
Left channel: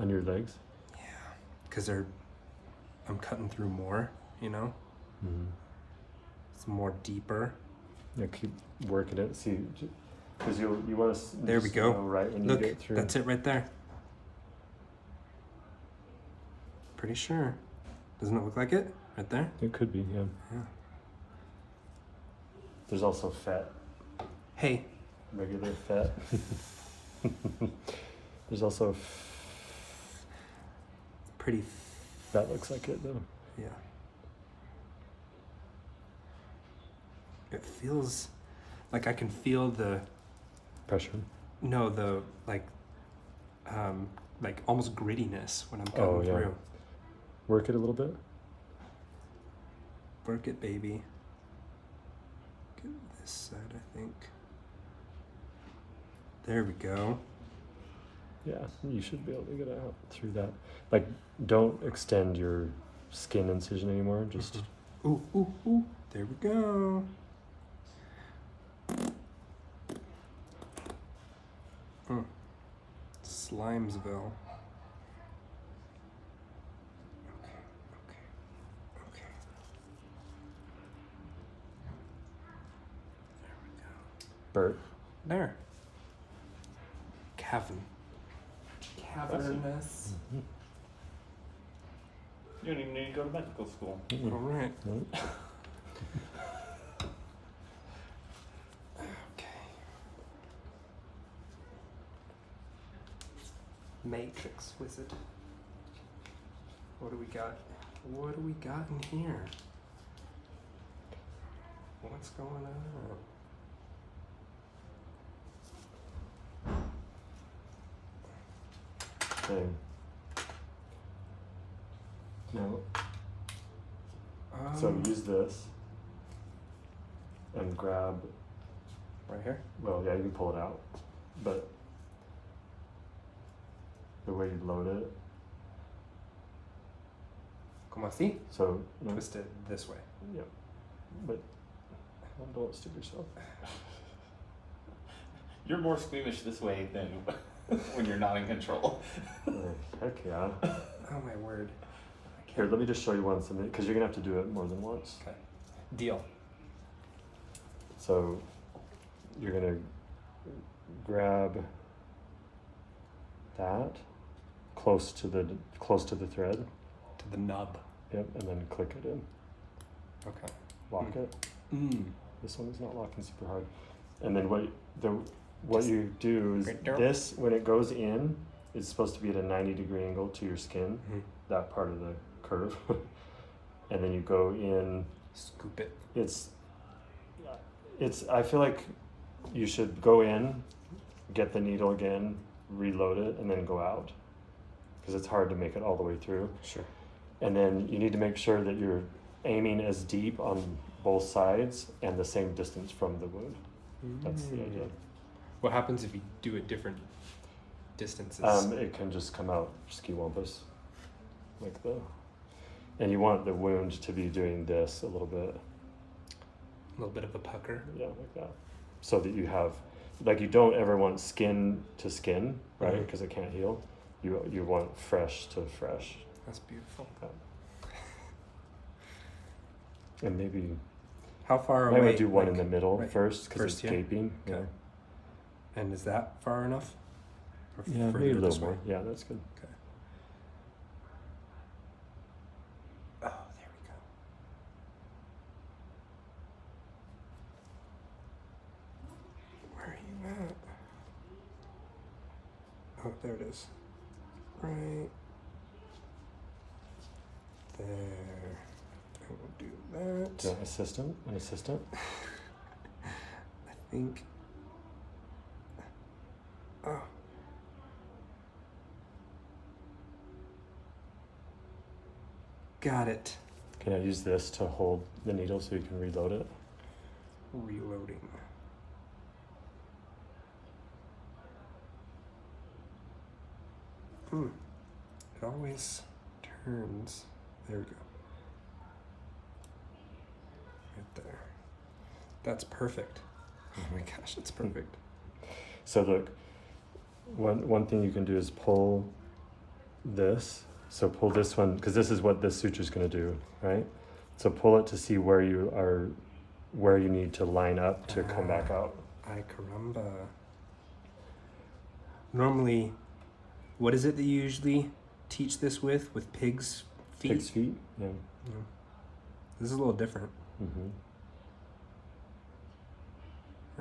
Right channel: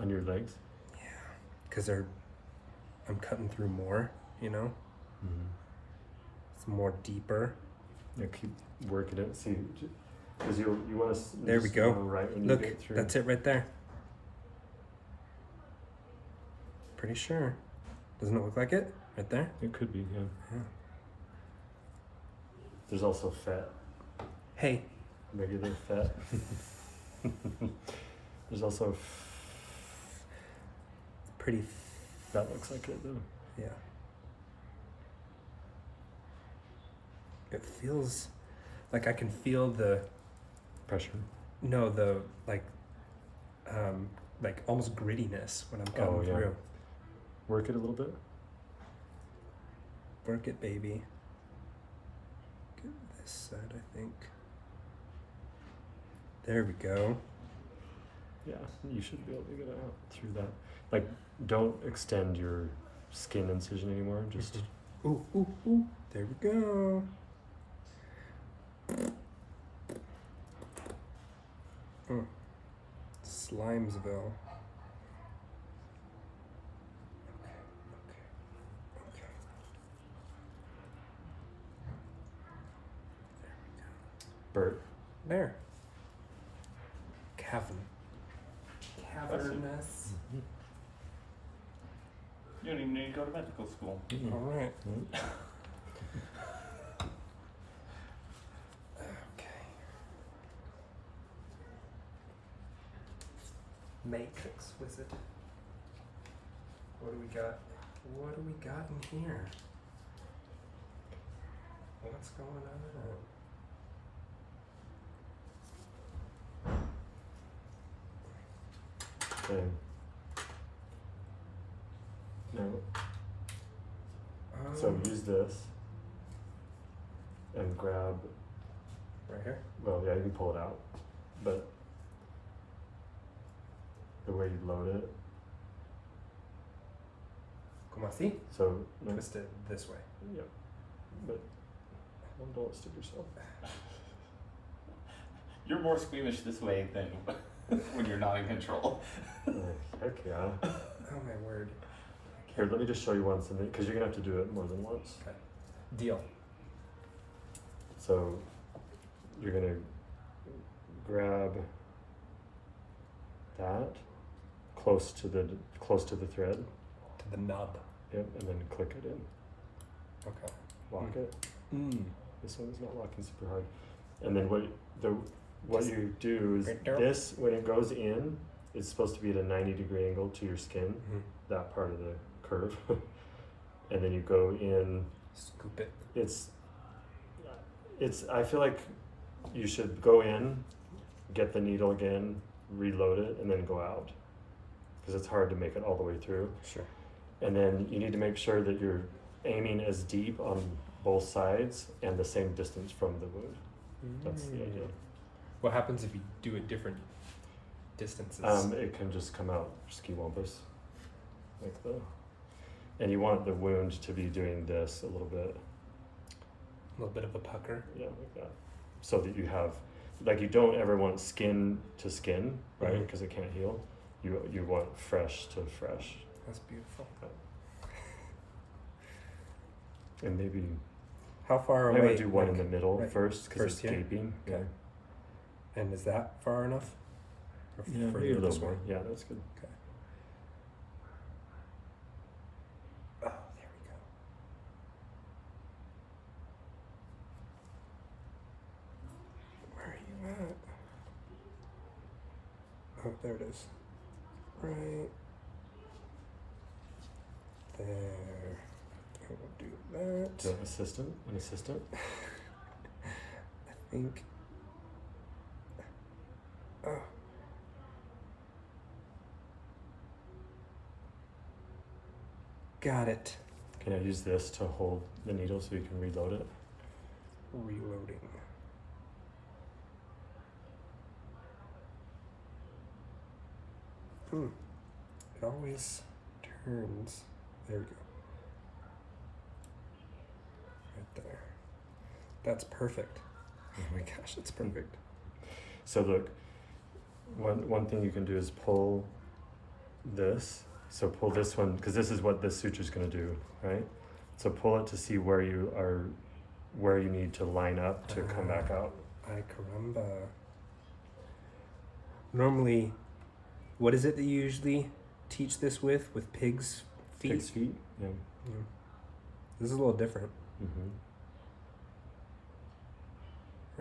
On your legs? Yeah. Because I'm cutting through more, you know? Mm-hmm. It's more deeper. Yeah, keep working it. See, because you want to. There we go. Right when Look, you get through. that's it right there. Pretty sure. Doesn't it look like it? Right there? It could be, yeah. Yeah. There's also fat, Hey. regular fat. There's also Pretty. that looks like it though. Yeah. It feels like I can feel the Pressure. no the like almost grittiness when I'm coming yeah. through. Work it a little bit. Work it, baby. Get this side, I think. There we go. Yeah, you should be able to get out through that. Like, don't extend your skin incision anymore. Just Ooh, ooh, ooh. There we go. Slimesville. Okay. There we go. Bert. There. Cavernous. You don't even need to go to medical school. All right. Nope. Okay. Matrix wizard. What do we got? What do we got in here? What's going on? Okay. Now, so use this and grab. Right here? Well, yeah, you can pull it out, but the way you load it. Como así? So Twist it this way. yeah, but don't stick yourself. You're more squeamish this way than when you're not in control. Heck yeah. Oh my word. Here, let me just show you once, because you're gonna have to do it more than once. Okay. Deal. So you're gonna grab that close to the thread. To the nub. Yep, and then click it in. Okay. Lock it. Mm. This one's not locking super hard. And then what you do is Right there. this, when it goes in, it's supposed to be at a 90-degree angle to your skin, that part of the curve. And then you go in. Scoop it. I feel like you should go in, get the needle again, reload it, and then go out. Because it's hard to make it all the way through. Sure. And then you need to make sure that you're aiming as deep on both sides and the same distance from the wound. That's the idea. What happens if you do it different distances? It can just come out ski-wampus. Like the. and you want the wound to be doing this a little bit. A little bit of a pucker. Yeah, like that. So that you have, like, you don't ever want skin to skin, right? Mhm. Because it can't heal. You want fresh to fresh. That's beautiful. And maybe How far I away? would do one in like, the middle right, first because first it's here? gaping. Okay. And is that far enough? Or Yeah, maybe further a little this way? more. Yeah, that's good. Okay. Oh, there we go. Where are you at? Oh, there it is. Right there. I will do that. So assistant, an assistant. I think. Oh. Got it. Can I use this to hold the needle so you can reload it? Reloading. It always turns. There we go. Right there. That's perfect. Oh my gosh, that's perfect. So look, one thing you can do is pull this. So pull this one, because this is what this suture is going to do, right? So pull it to see where you need to line up to come back out. Ay caramba. Normally, what is it that you usually teach this with pigs' feet? Pig's feet, yeah. Yeah. This is a little different. Mm-hmm.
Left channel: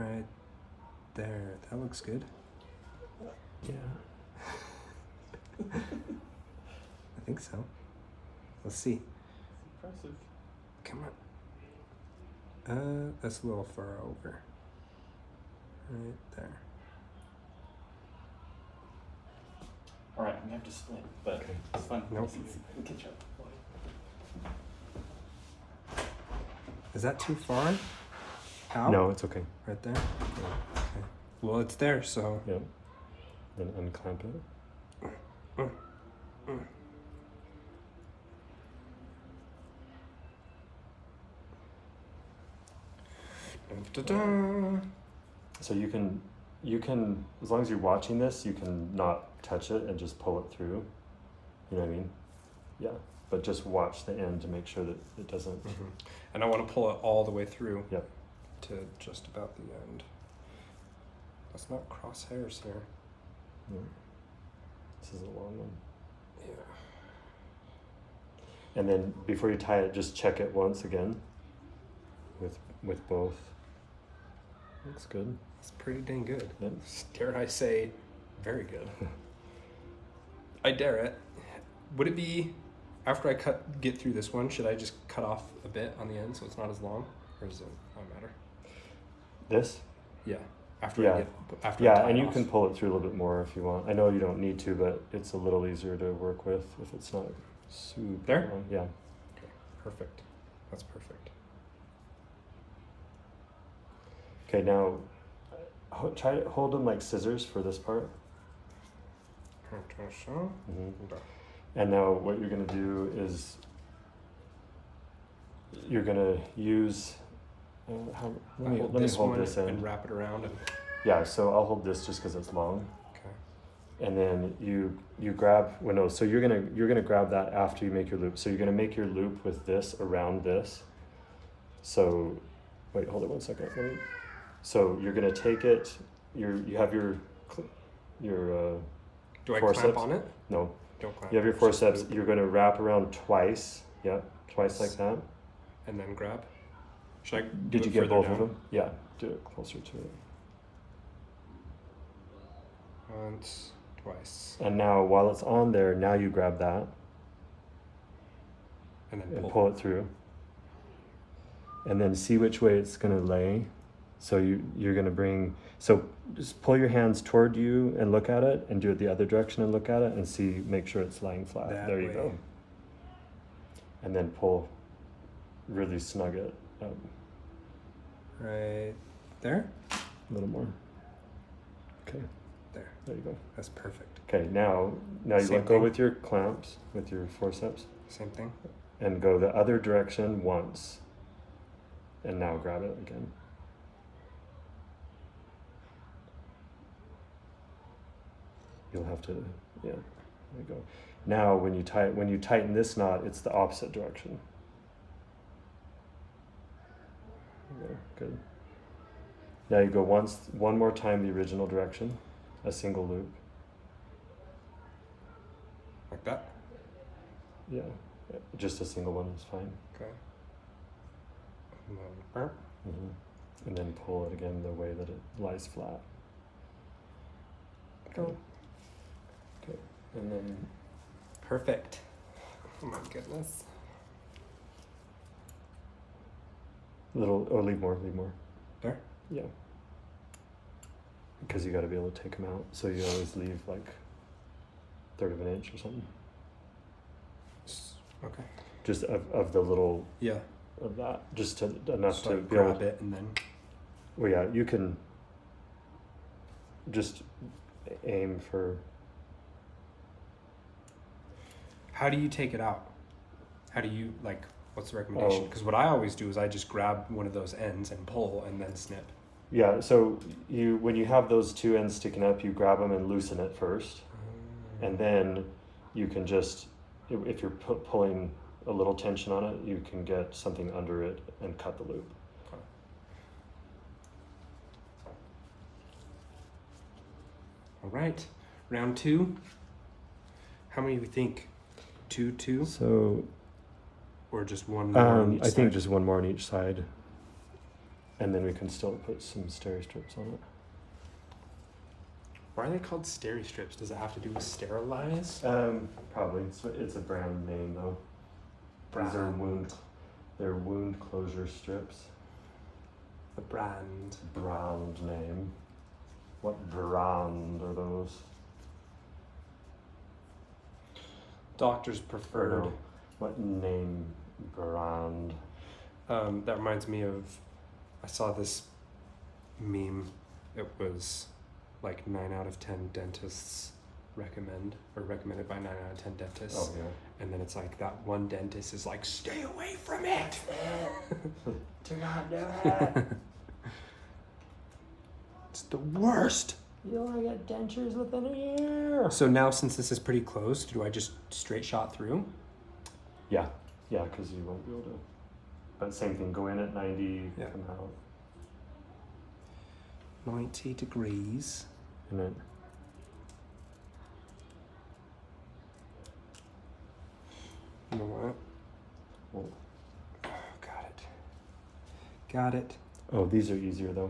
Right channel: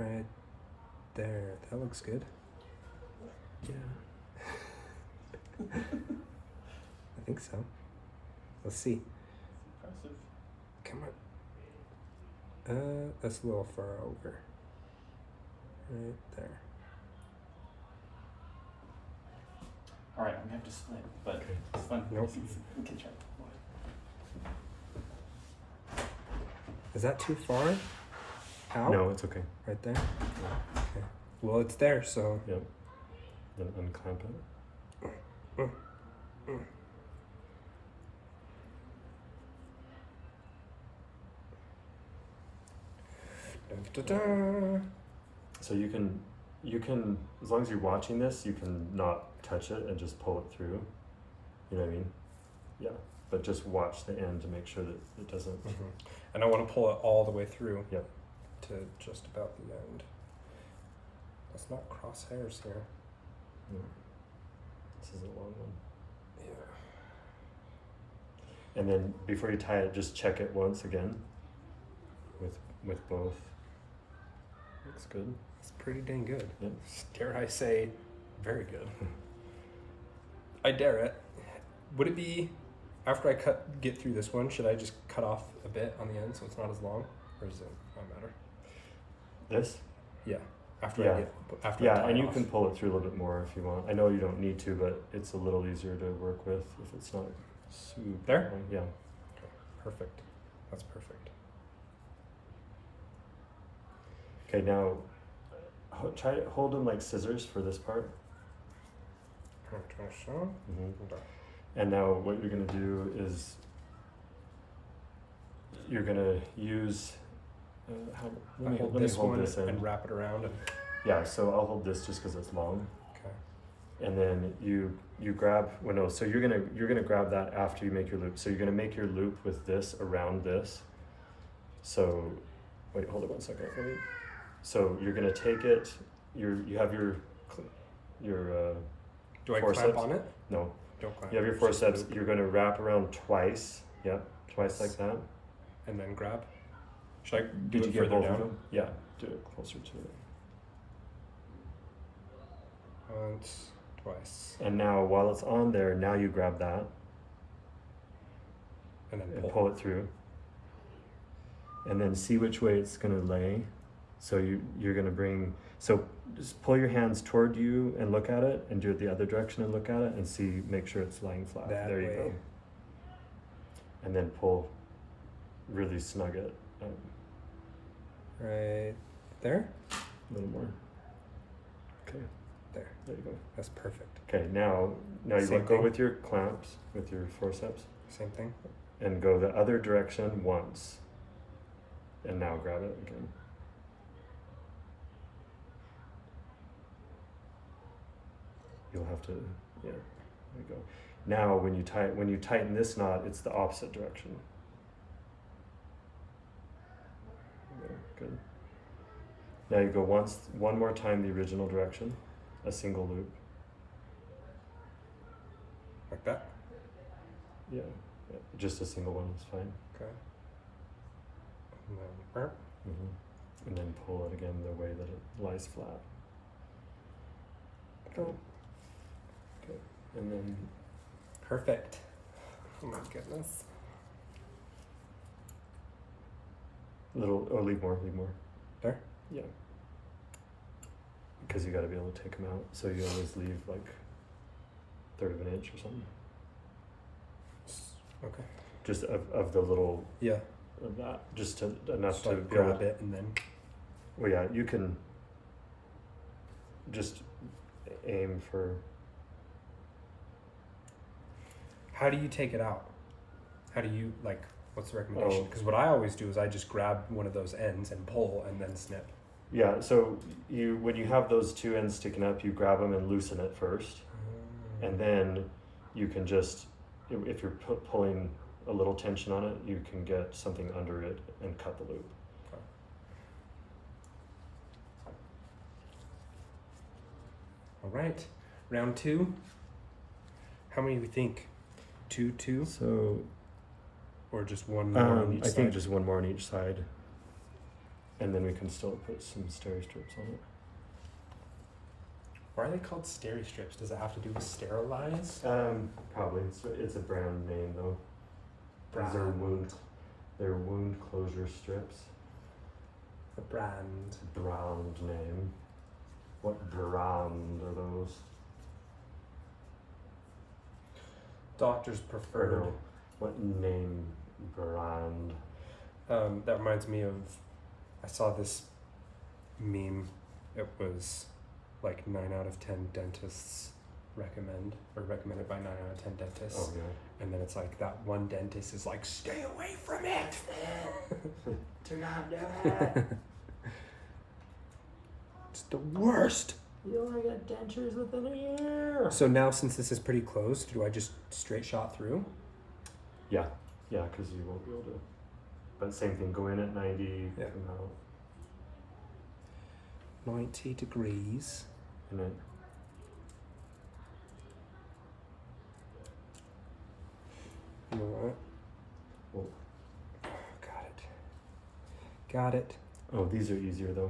Right there. That looks good. Yeah. I think so. Let's see. Impressive. Come on. That's a little far over. Right there. All right, I'm gonna have to split, but Okay. it's fun. Nope. We can check. Is that too far? Out? No, it's okay. Right there? Okay. Well, it's there, so. Yep. Then unclamp it. Da-da-da. So you can, as long as you're watching this, you can not touch it and just pull it through. You know what I mean? Yeah. But just watch the end to make sure that it doesn't. Mhm. And I want to pull it all the way through. Yep. To just about the end. That's not crosshairs here. Yeah. This is a long one. Yeah. And then before you tie it, just check it once again. With both. Looks good. It's pretty dang good. Yep. Dare I say, very good. I dare it. Would it be, after I get through this one, should I just cut off a bit on the end so it's not as long? Or does it not matter? This? Yeah. After Yeah. I tie Yeah, and it you off. can pull it through a little bit more if you want. I know you don't need to, but it's a little easier to work with if it's not super There? long. Yeah. Okay. Perfect. That's perfect. Okay, now try to hold them like scissors for this part. Mm-hmm. And now what you're going to do is you're going to use. Let me hold hold this one this in. and wrap it around. And, Yeah, so I'll hold this just because it's long. okay. And then you grab. Well, no. So you're gonna grab that after you make your loop. So you're gonna make your loop with this around this. So, wait, hold it 1 second. So you're gonna take it. You have your Do I forceps. clamp on it? No. Don't clamp. You have your It's just forceps. loop. You're gonna wrap around twice. Yep, twice like that. And then grab. Should I do Did it you get further both down? of them? Yeah. Do it closer to it. Once, twice, And now while it's on there, now you grab that and then and pull. pull it through. And then see which way it's gonna lay. So you're gonna bring. So just pull your hands toward you and look at it, and do it the other direction and look at it, and see. Make sure it's lying flat. That there you way. go. And then pull. Really snug it out Right there? a little more. Okay. There. There you go. That's perfect. Okay. Now you Same let go thing? with your clamps, with your forceps. Same thing? and go the other direction once. And now grab it again. You'll have to, yeah, there we go. Now when you tighten this knot, it's the opposite direction. There we go, good. Now you go one more time the original direction, a single loop. Like that? Yeah, just a single one is fine. Okay. And then, burp. And then pull it again the way that it lies flat. Go. Okay. And then Perfect. Oh my goodness. leave more. There? Yeah. Because you got to be able to take them out. So you always leave like 1/3 of an inch or something. Okay. Just of the little Yeah. of that, just enough Just to like be able grab to, it and then. well, yeah, you can just aim for. How do you take it out? How do you like? What's the recommendation? Oh. Because what I always do is I just grab one of those ends and pull and then snip. Yeah, so when you have those two ends sticking up, you grab them and loosen it first, and then you can just, if you're pulling a little tension on it, you can get something under it and cut the loop. Okay. All right, round 2. How many do we think? 2, So or just one more on each I side? think just one more on each side, and then we can still put some steri strips on it. Why are they called steri strips? Does it have to do with sterilize? Probably. It's a brand name though. These are Brand. they're wound closure strips. The brand. Brand name. What brand are those? Doctor's preferred. Or what name brand? That reminds me of, I saw this meme. It was like 9 out of 10 dentists recommended by 9 out of 10 dentists. Oh, yeah. And then it's like that one dentist is like, stay away from it. Do not do that. It's the worst. You only get dentures within a year. So now since this is pretty close, do I just straight shot through? Yeah, because you won't be able to. But same thing, go in at 90, Yeah. come out. 90 degrees. And then, You know what? oh, Oh, got it. oh, these are easier though.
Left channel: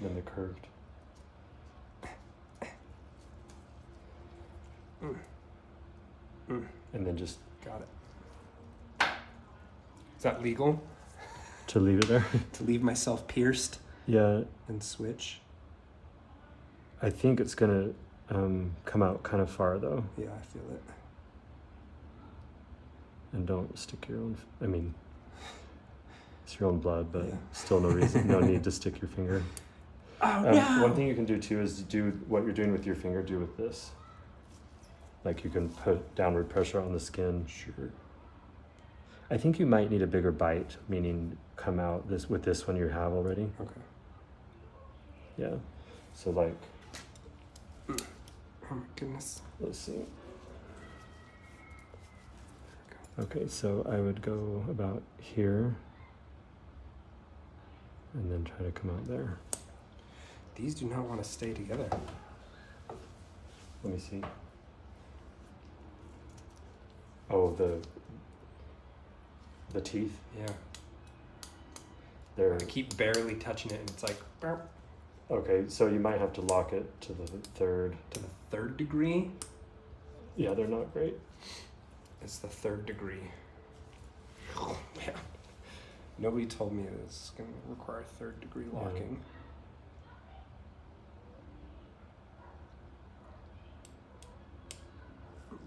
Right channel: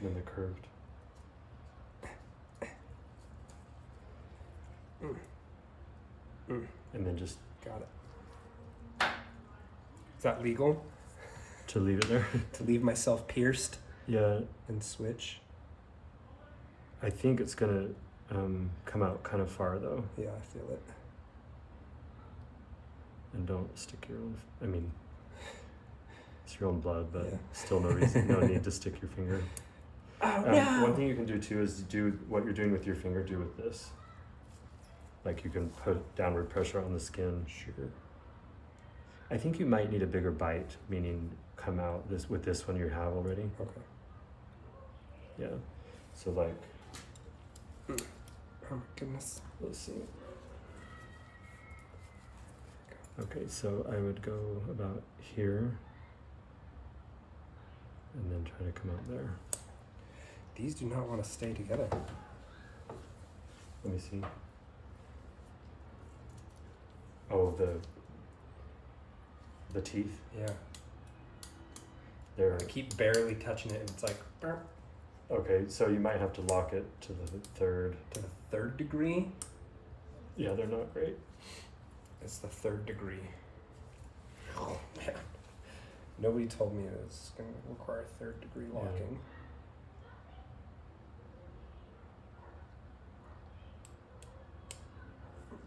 Than the curved. And then just Got it. Is that legal? to leave it there. To leave myself pierced Yeah, and switch? I think it's gonna come out kind of far though. Yeah, I feel it. And don't stick your own, I mean, it's your own blood, but Yeah. still no need to stick your finger. Oh One thing you can do too is do what you're doing with your finger, do with this. Like you can put downward pressure on the skin. Sure. I think you might need a bigger bite, meaning come out with this one you have already. Okay. Yeah. So like, Oh my goodness. let's see. Okay, so I would go about here and then try to come out there. These do not want to stay together. Let me see. Oh, the teeth. Yeah. They're I keep barely touching it and it's like burp, okay. So you might have to lock it to the third. to the 3rd degree. Yeah, they're not great. It's the 3rd degree. Oh man. Nobody told me it's going to require 3rd degree locking.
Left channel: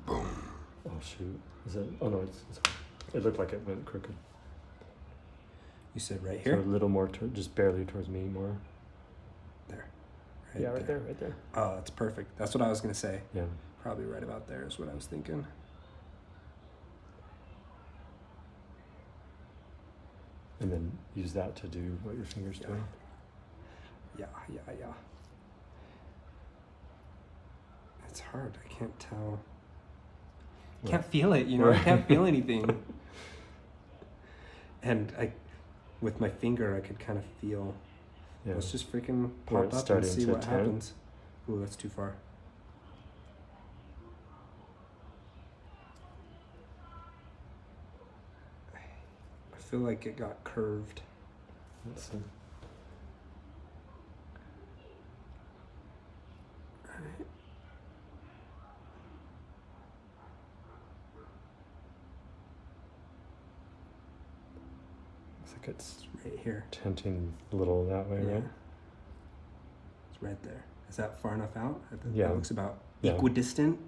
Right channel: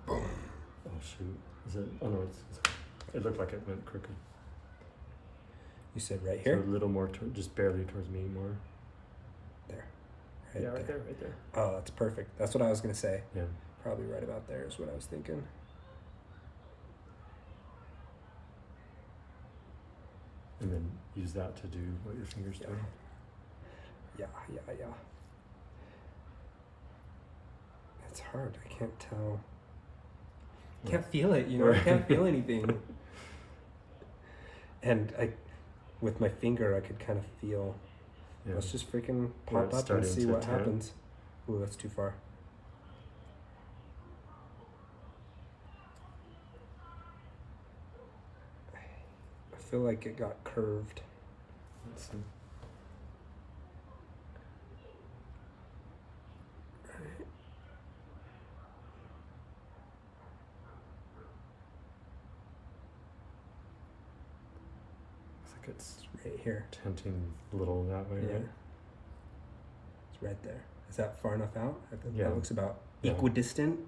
Boom. Oh shoot! Is it? Oh no, it looked like it went crooked. You said right So here? a little more, just barely towards me more. There. Yeah, right there. Oh, that's perfect. That's what I was going to say. Yeah. Probably right about there is what I was thinking. and then use that to do what your fingers do. Yeah. It's hard. I can't tell. I can't feel it, you know? I can't feel anything. And with my finger, I could kind of feel. Yeah. Let's just freaking Where pop it's up and starting see to what tear. happens. Ooh, that's too far. I feel like it got curved. Let's see. Looks like it's Right here. tenting a little that way, Yeah. right? It's right there. Is that far enough out? I think Yeah. that looks about Yeah. equidistant.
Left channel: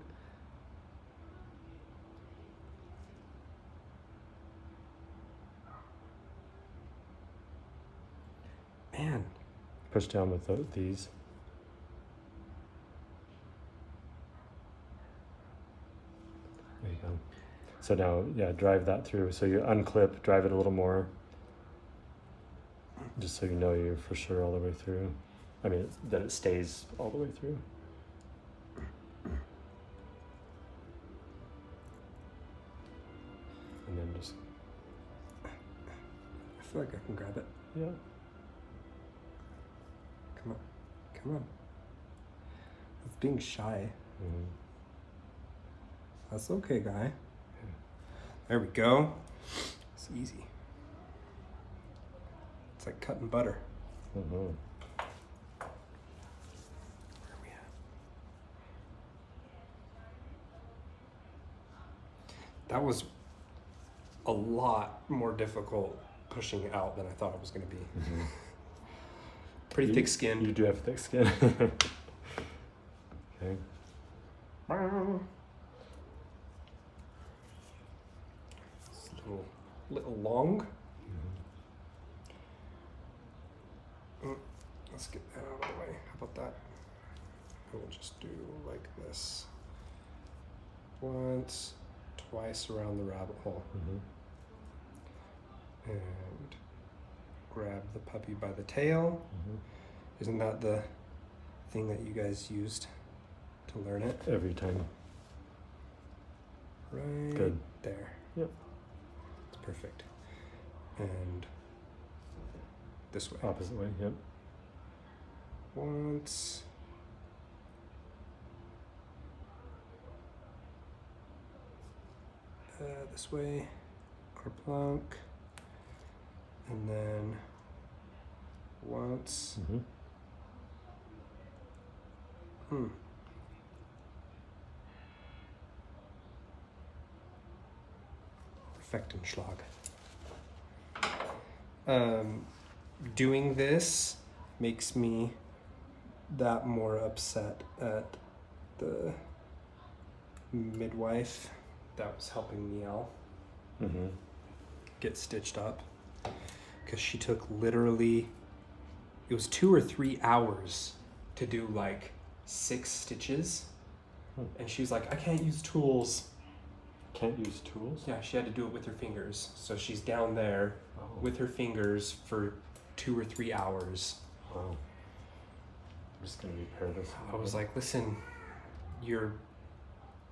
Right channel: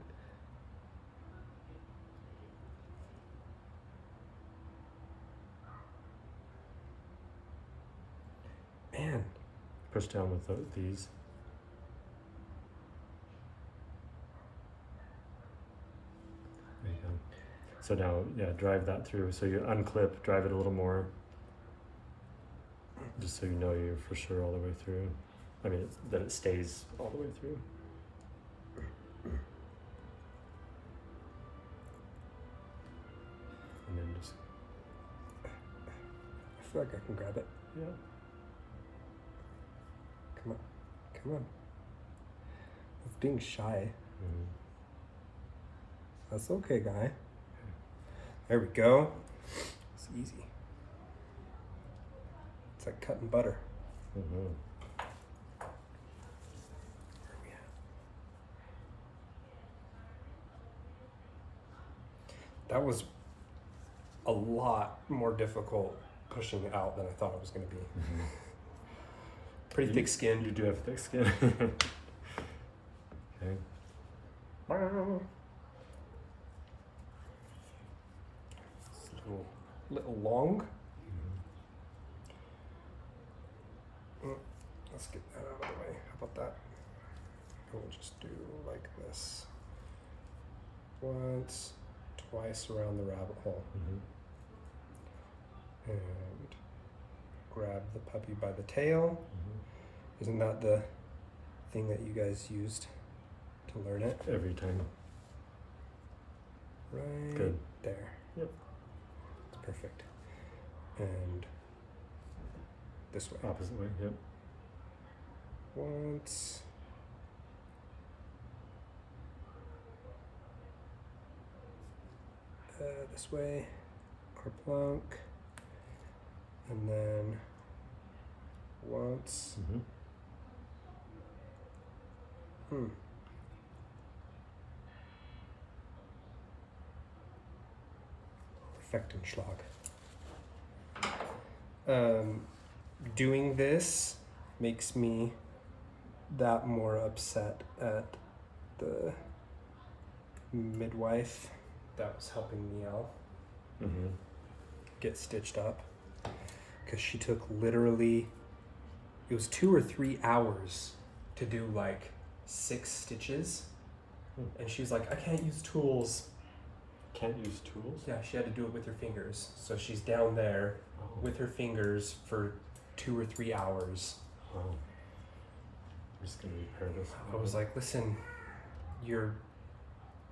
Man, Push down with these. There you go. So now, yeah, drive that through. So you unclip, drive it a little more, just so you know you're for sure all the way through. I mean, that it stays all the way through. And then just, I feel like I can grab it. yeah. Come on. Come on. It's being shy. Mhm. That's okay, guy. There we go. It's easy. It's like cutting butter. Mhm. Where are we at? That was a lot more difficult pushing it out than I thought it was going to be. Mhm. Pretty You- thick skin. You do have thick skin. Okay. It's a little long. Let's get that out of the way. How about that? And we'll just do like this. Once, twice around the rabbit hole. Mhm. And grab the puppy by the tail. Mhm. Isn't that the thing that you guys used to learn it? Every time. Right Good. there. Yep. It's perfect. And this way. Opposite way. Yep. Once. This way. Kerplunk. And then once. Mhm. Perfektenschlag. Doing this makes me that more upset at the midwife that was helping me out Mhm. get stitched up, because she took literally, it was 2 or 3 hours to do like 6 stitches. And she's like, I can't use tools. Can't use tools. Yeah, she had to do it with her fingers. So she's down there Oh. with her fingers for 2 or 3 hours. Wow. I'm just gonna repair this. I was like, listen, you're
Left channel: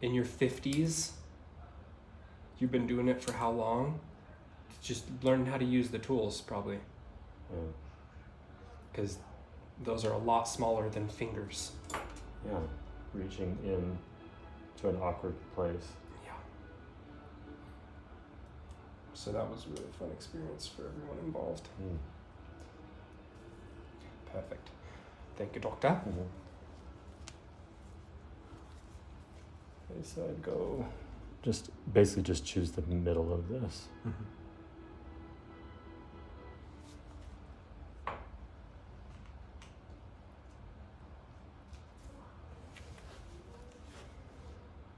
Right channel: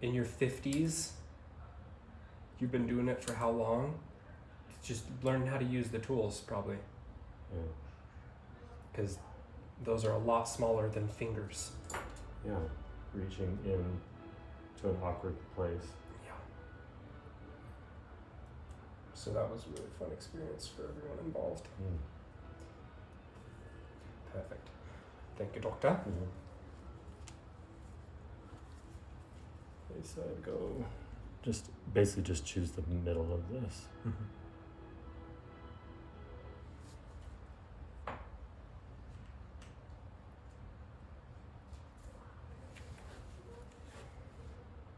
in your 50s. You've been doing it for how long? Just learn how to use the tools, probably. Yeah. Because those are a lot smaller than fingers. Yeah. Reaching in to an awkward place. Yeah. So that was a really fun experience for everyone involved. Mm. Perfect. Thank you, doctor. Mhm. Okay, so I'd go. Just basically just choose the middle of this.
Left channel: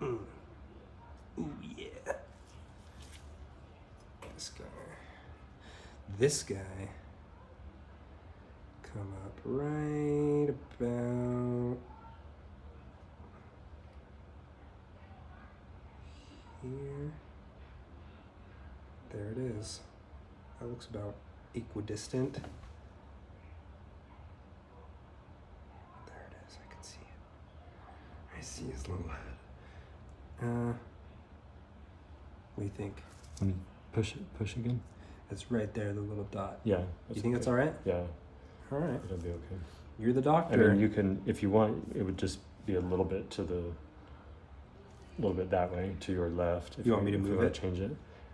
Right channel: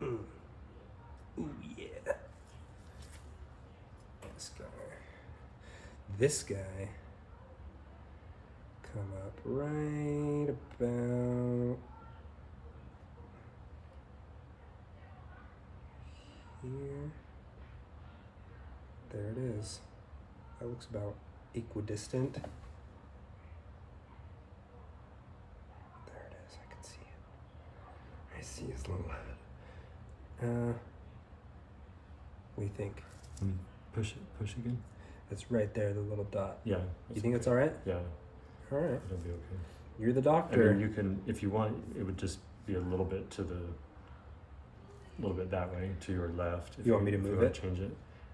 Ooh, yeah. This guy come up right about here. There it is. That looks about equidistant. There it is. I can see it. I see his little head. What do you think? Push again. It's right there, the little dot. Yeah. You think that's all right? Yeah, All right. it'll be okay. You're the I doctor. mean, you can, if you want, it would just be a little bit that way to your left. If You want me to if move wanna it? Change it.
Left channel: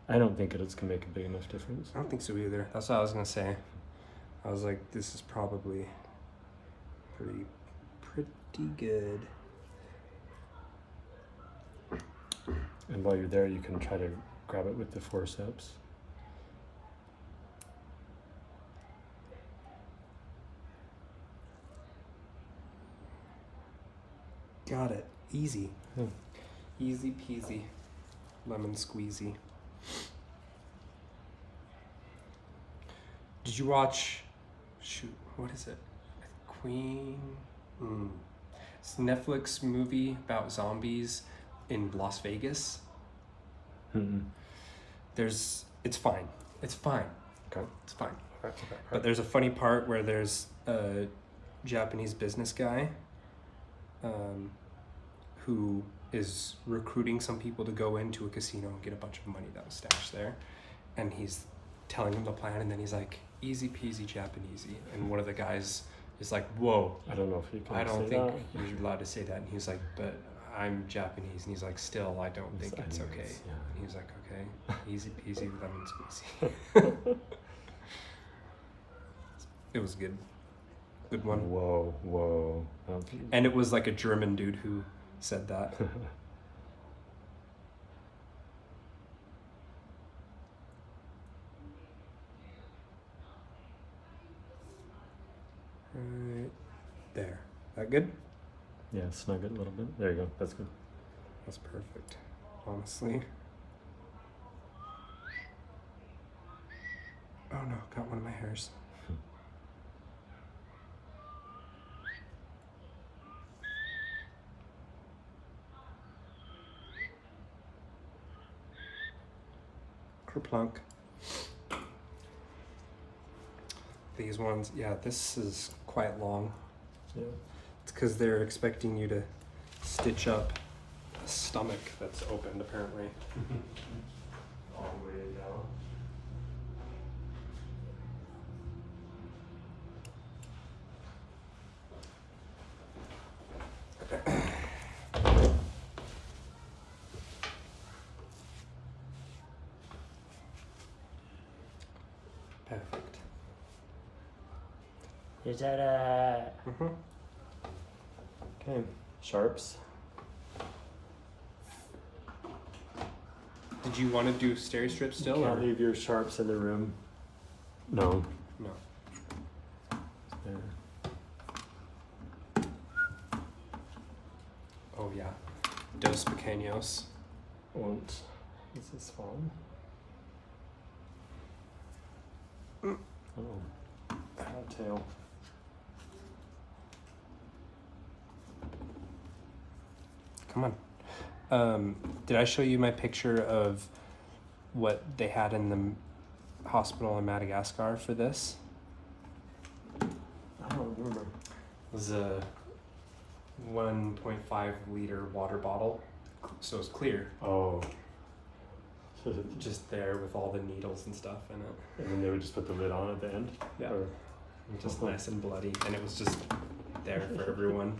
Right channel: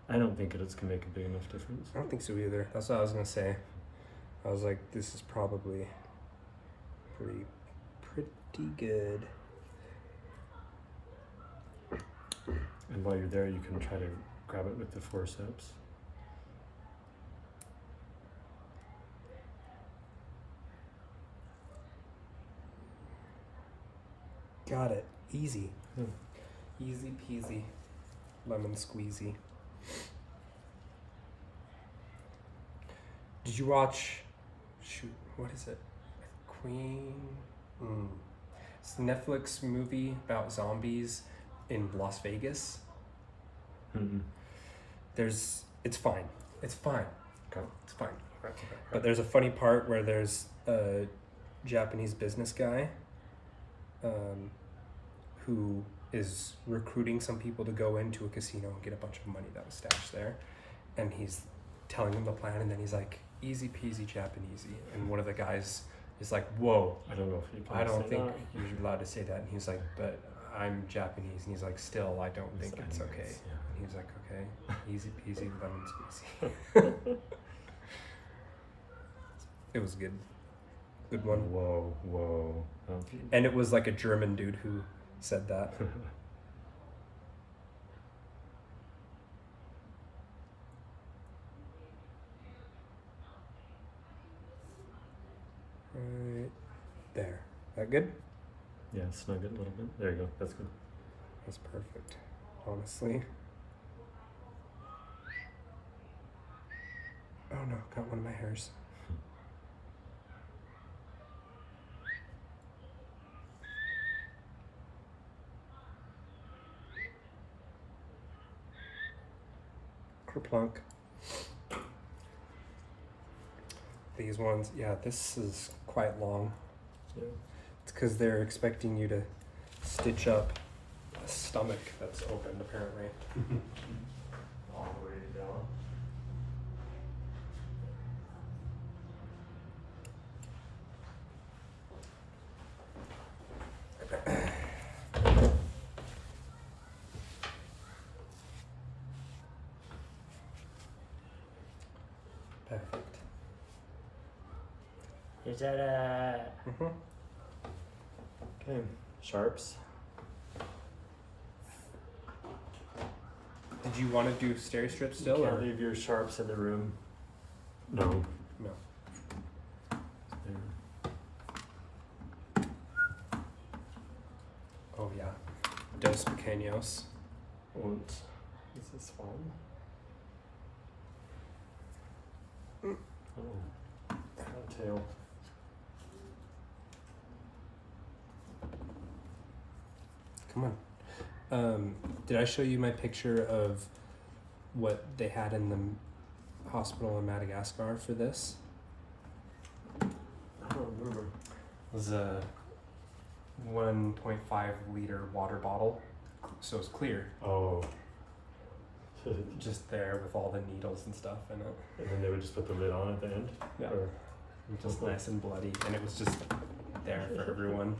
I don't think it's gonna make a big enough difference. I don't think so either. That's what I was gonna say. I was like, this is probably pretty good. And while you're there, you can try to grab it with the forceps. Got it. Easy. Hmm. Easy peasy. Lemon squeezy. Did you watch, shoot, what is it? Queen? It's a Netflix movie about zombies in Las Vegas. It's fine. It's fine. Okay. It's fine. But there's a funny part where there's a Japanese business guy who is recruiting some people to go into a casino and get a bunch of money that was stashed there. And he's telling them the plan, and then he's like, easy peasy Japanesey. And one of the guys is like, whoa, I don't know if you can. I don't say think that. you're allowed to say that. And he's like, but I'm Japanese. And he's like, still, I don't think it's Anyways, okay. yeah. And he's like, okay, easy peasy lemon squeezy. It was good. Good one. Whoa. Okay. And it was like a German dude who said that. Right there. That good? Yeah, snug it a little bit. There you go. That's good. That's perfect. Honestly. Oh no, got one of my hairs. Kerplunk. These ones, yeah, this is quite long. Yeah. It's because they're expecting you to stitch up a stomach that's opened, apparently. All the way down. Perfect. Is that okay? Sharps. Did you want to do steri strip still, or Can't leave your sharps in the room. No. no? There. Oh yeah, dos pequeños. Und is this fun? Oh, tail. Come on. Did I show you my picture of what they had in the hospital in Madagascar for this? I don't remember. It was a 1.5 liter water bottle, so it's clear, Oh. just there with all the needles and stuff in it. And then they would just put the lid on at the end? Yeah. Or Just nice and bloody, and it was just there for everyone.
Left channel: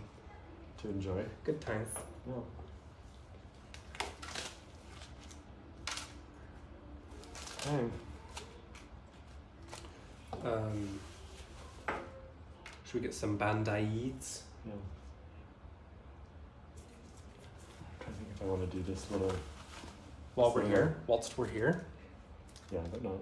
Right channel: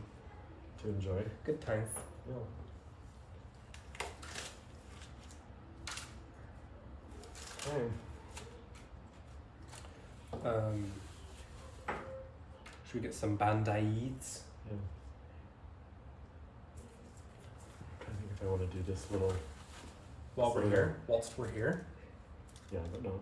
to enjoy? Good times. Yeah. Okay. Should we get some bandaids? Yeah. I think if I want to do this little. While we're here, whilst we're here. Yeah, but not.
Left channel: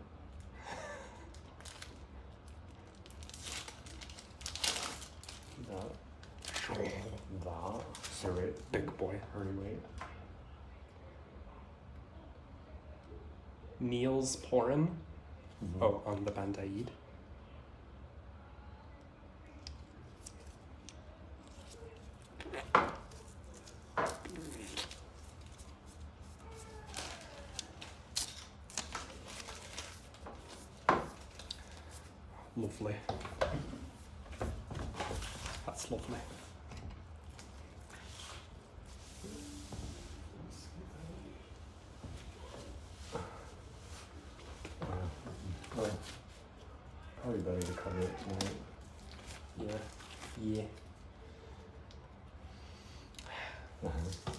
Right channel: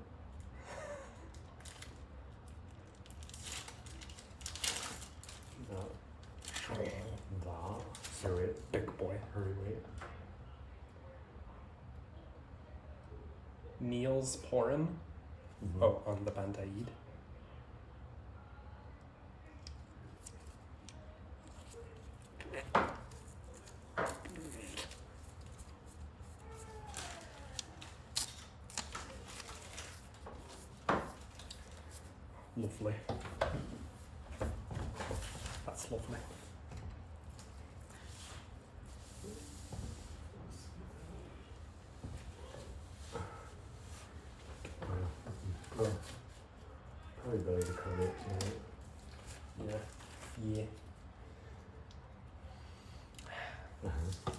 Here, wait. Big boy. Hurry, wait. Neil's pouring. Mhm. Oh, on the bandaid. Lovely. That's lovely. Well, probably better to cover it tonight. Yeah. Yeah. Uh-huh.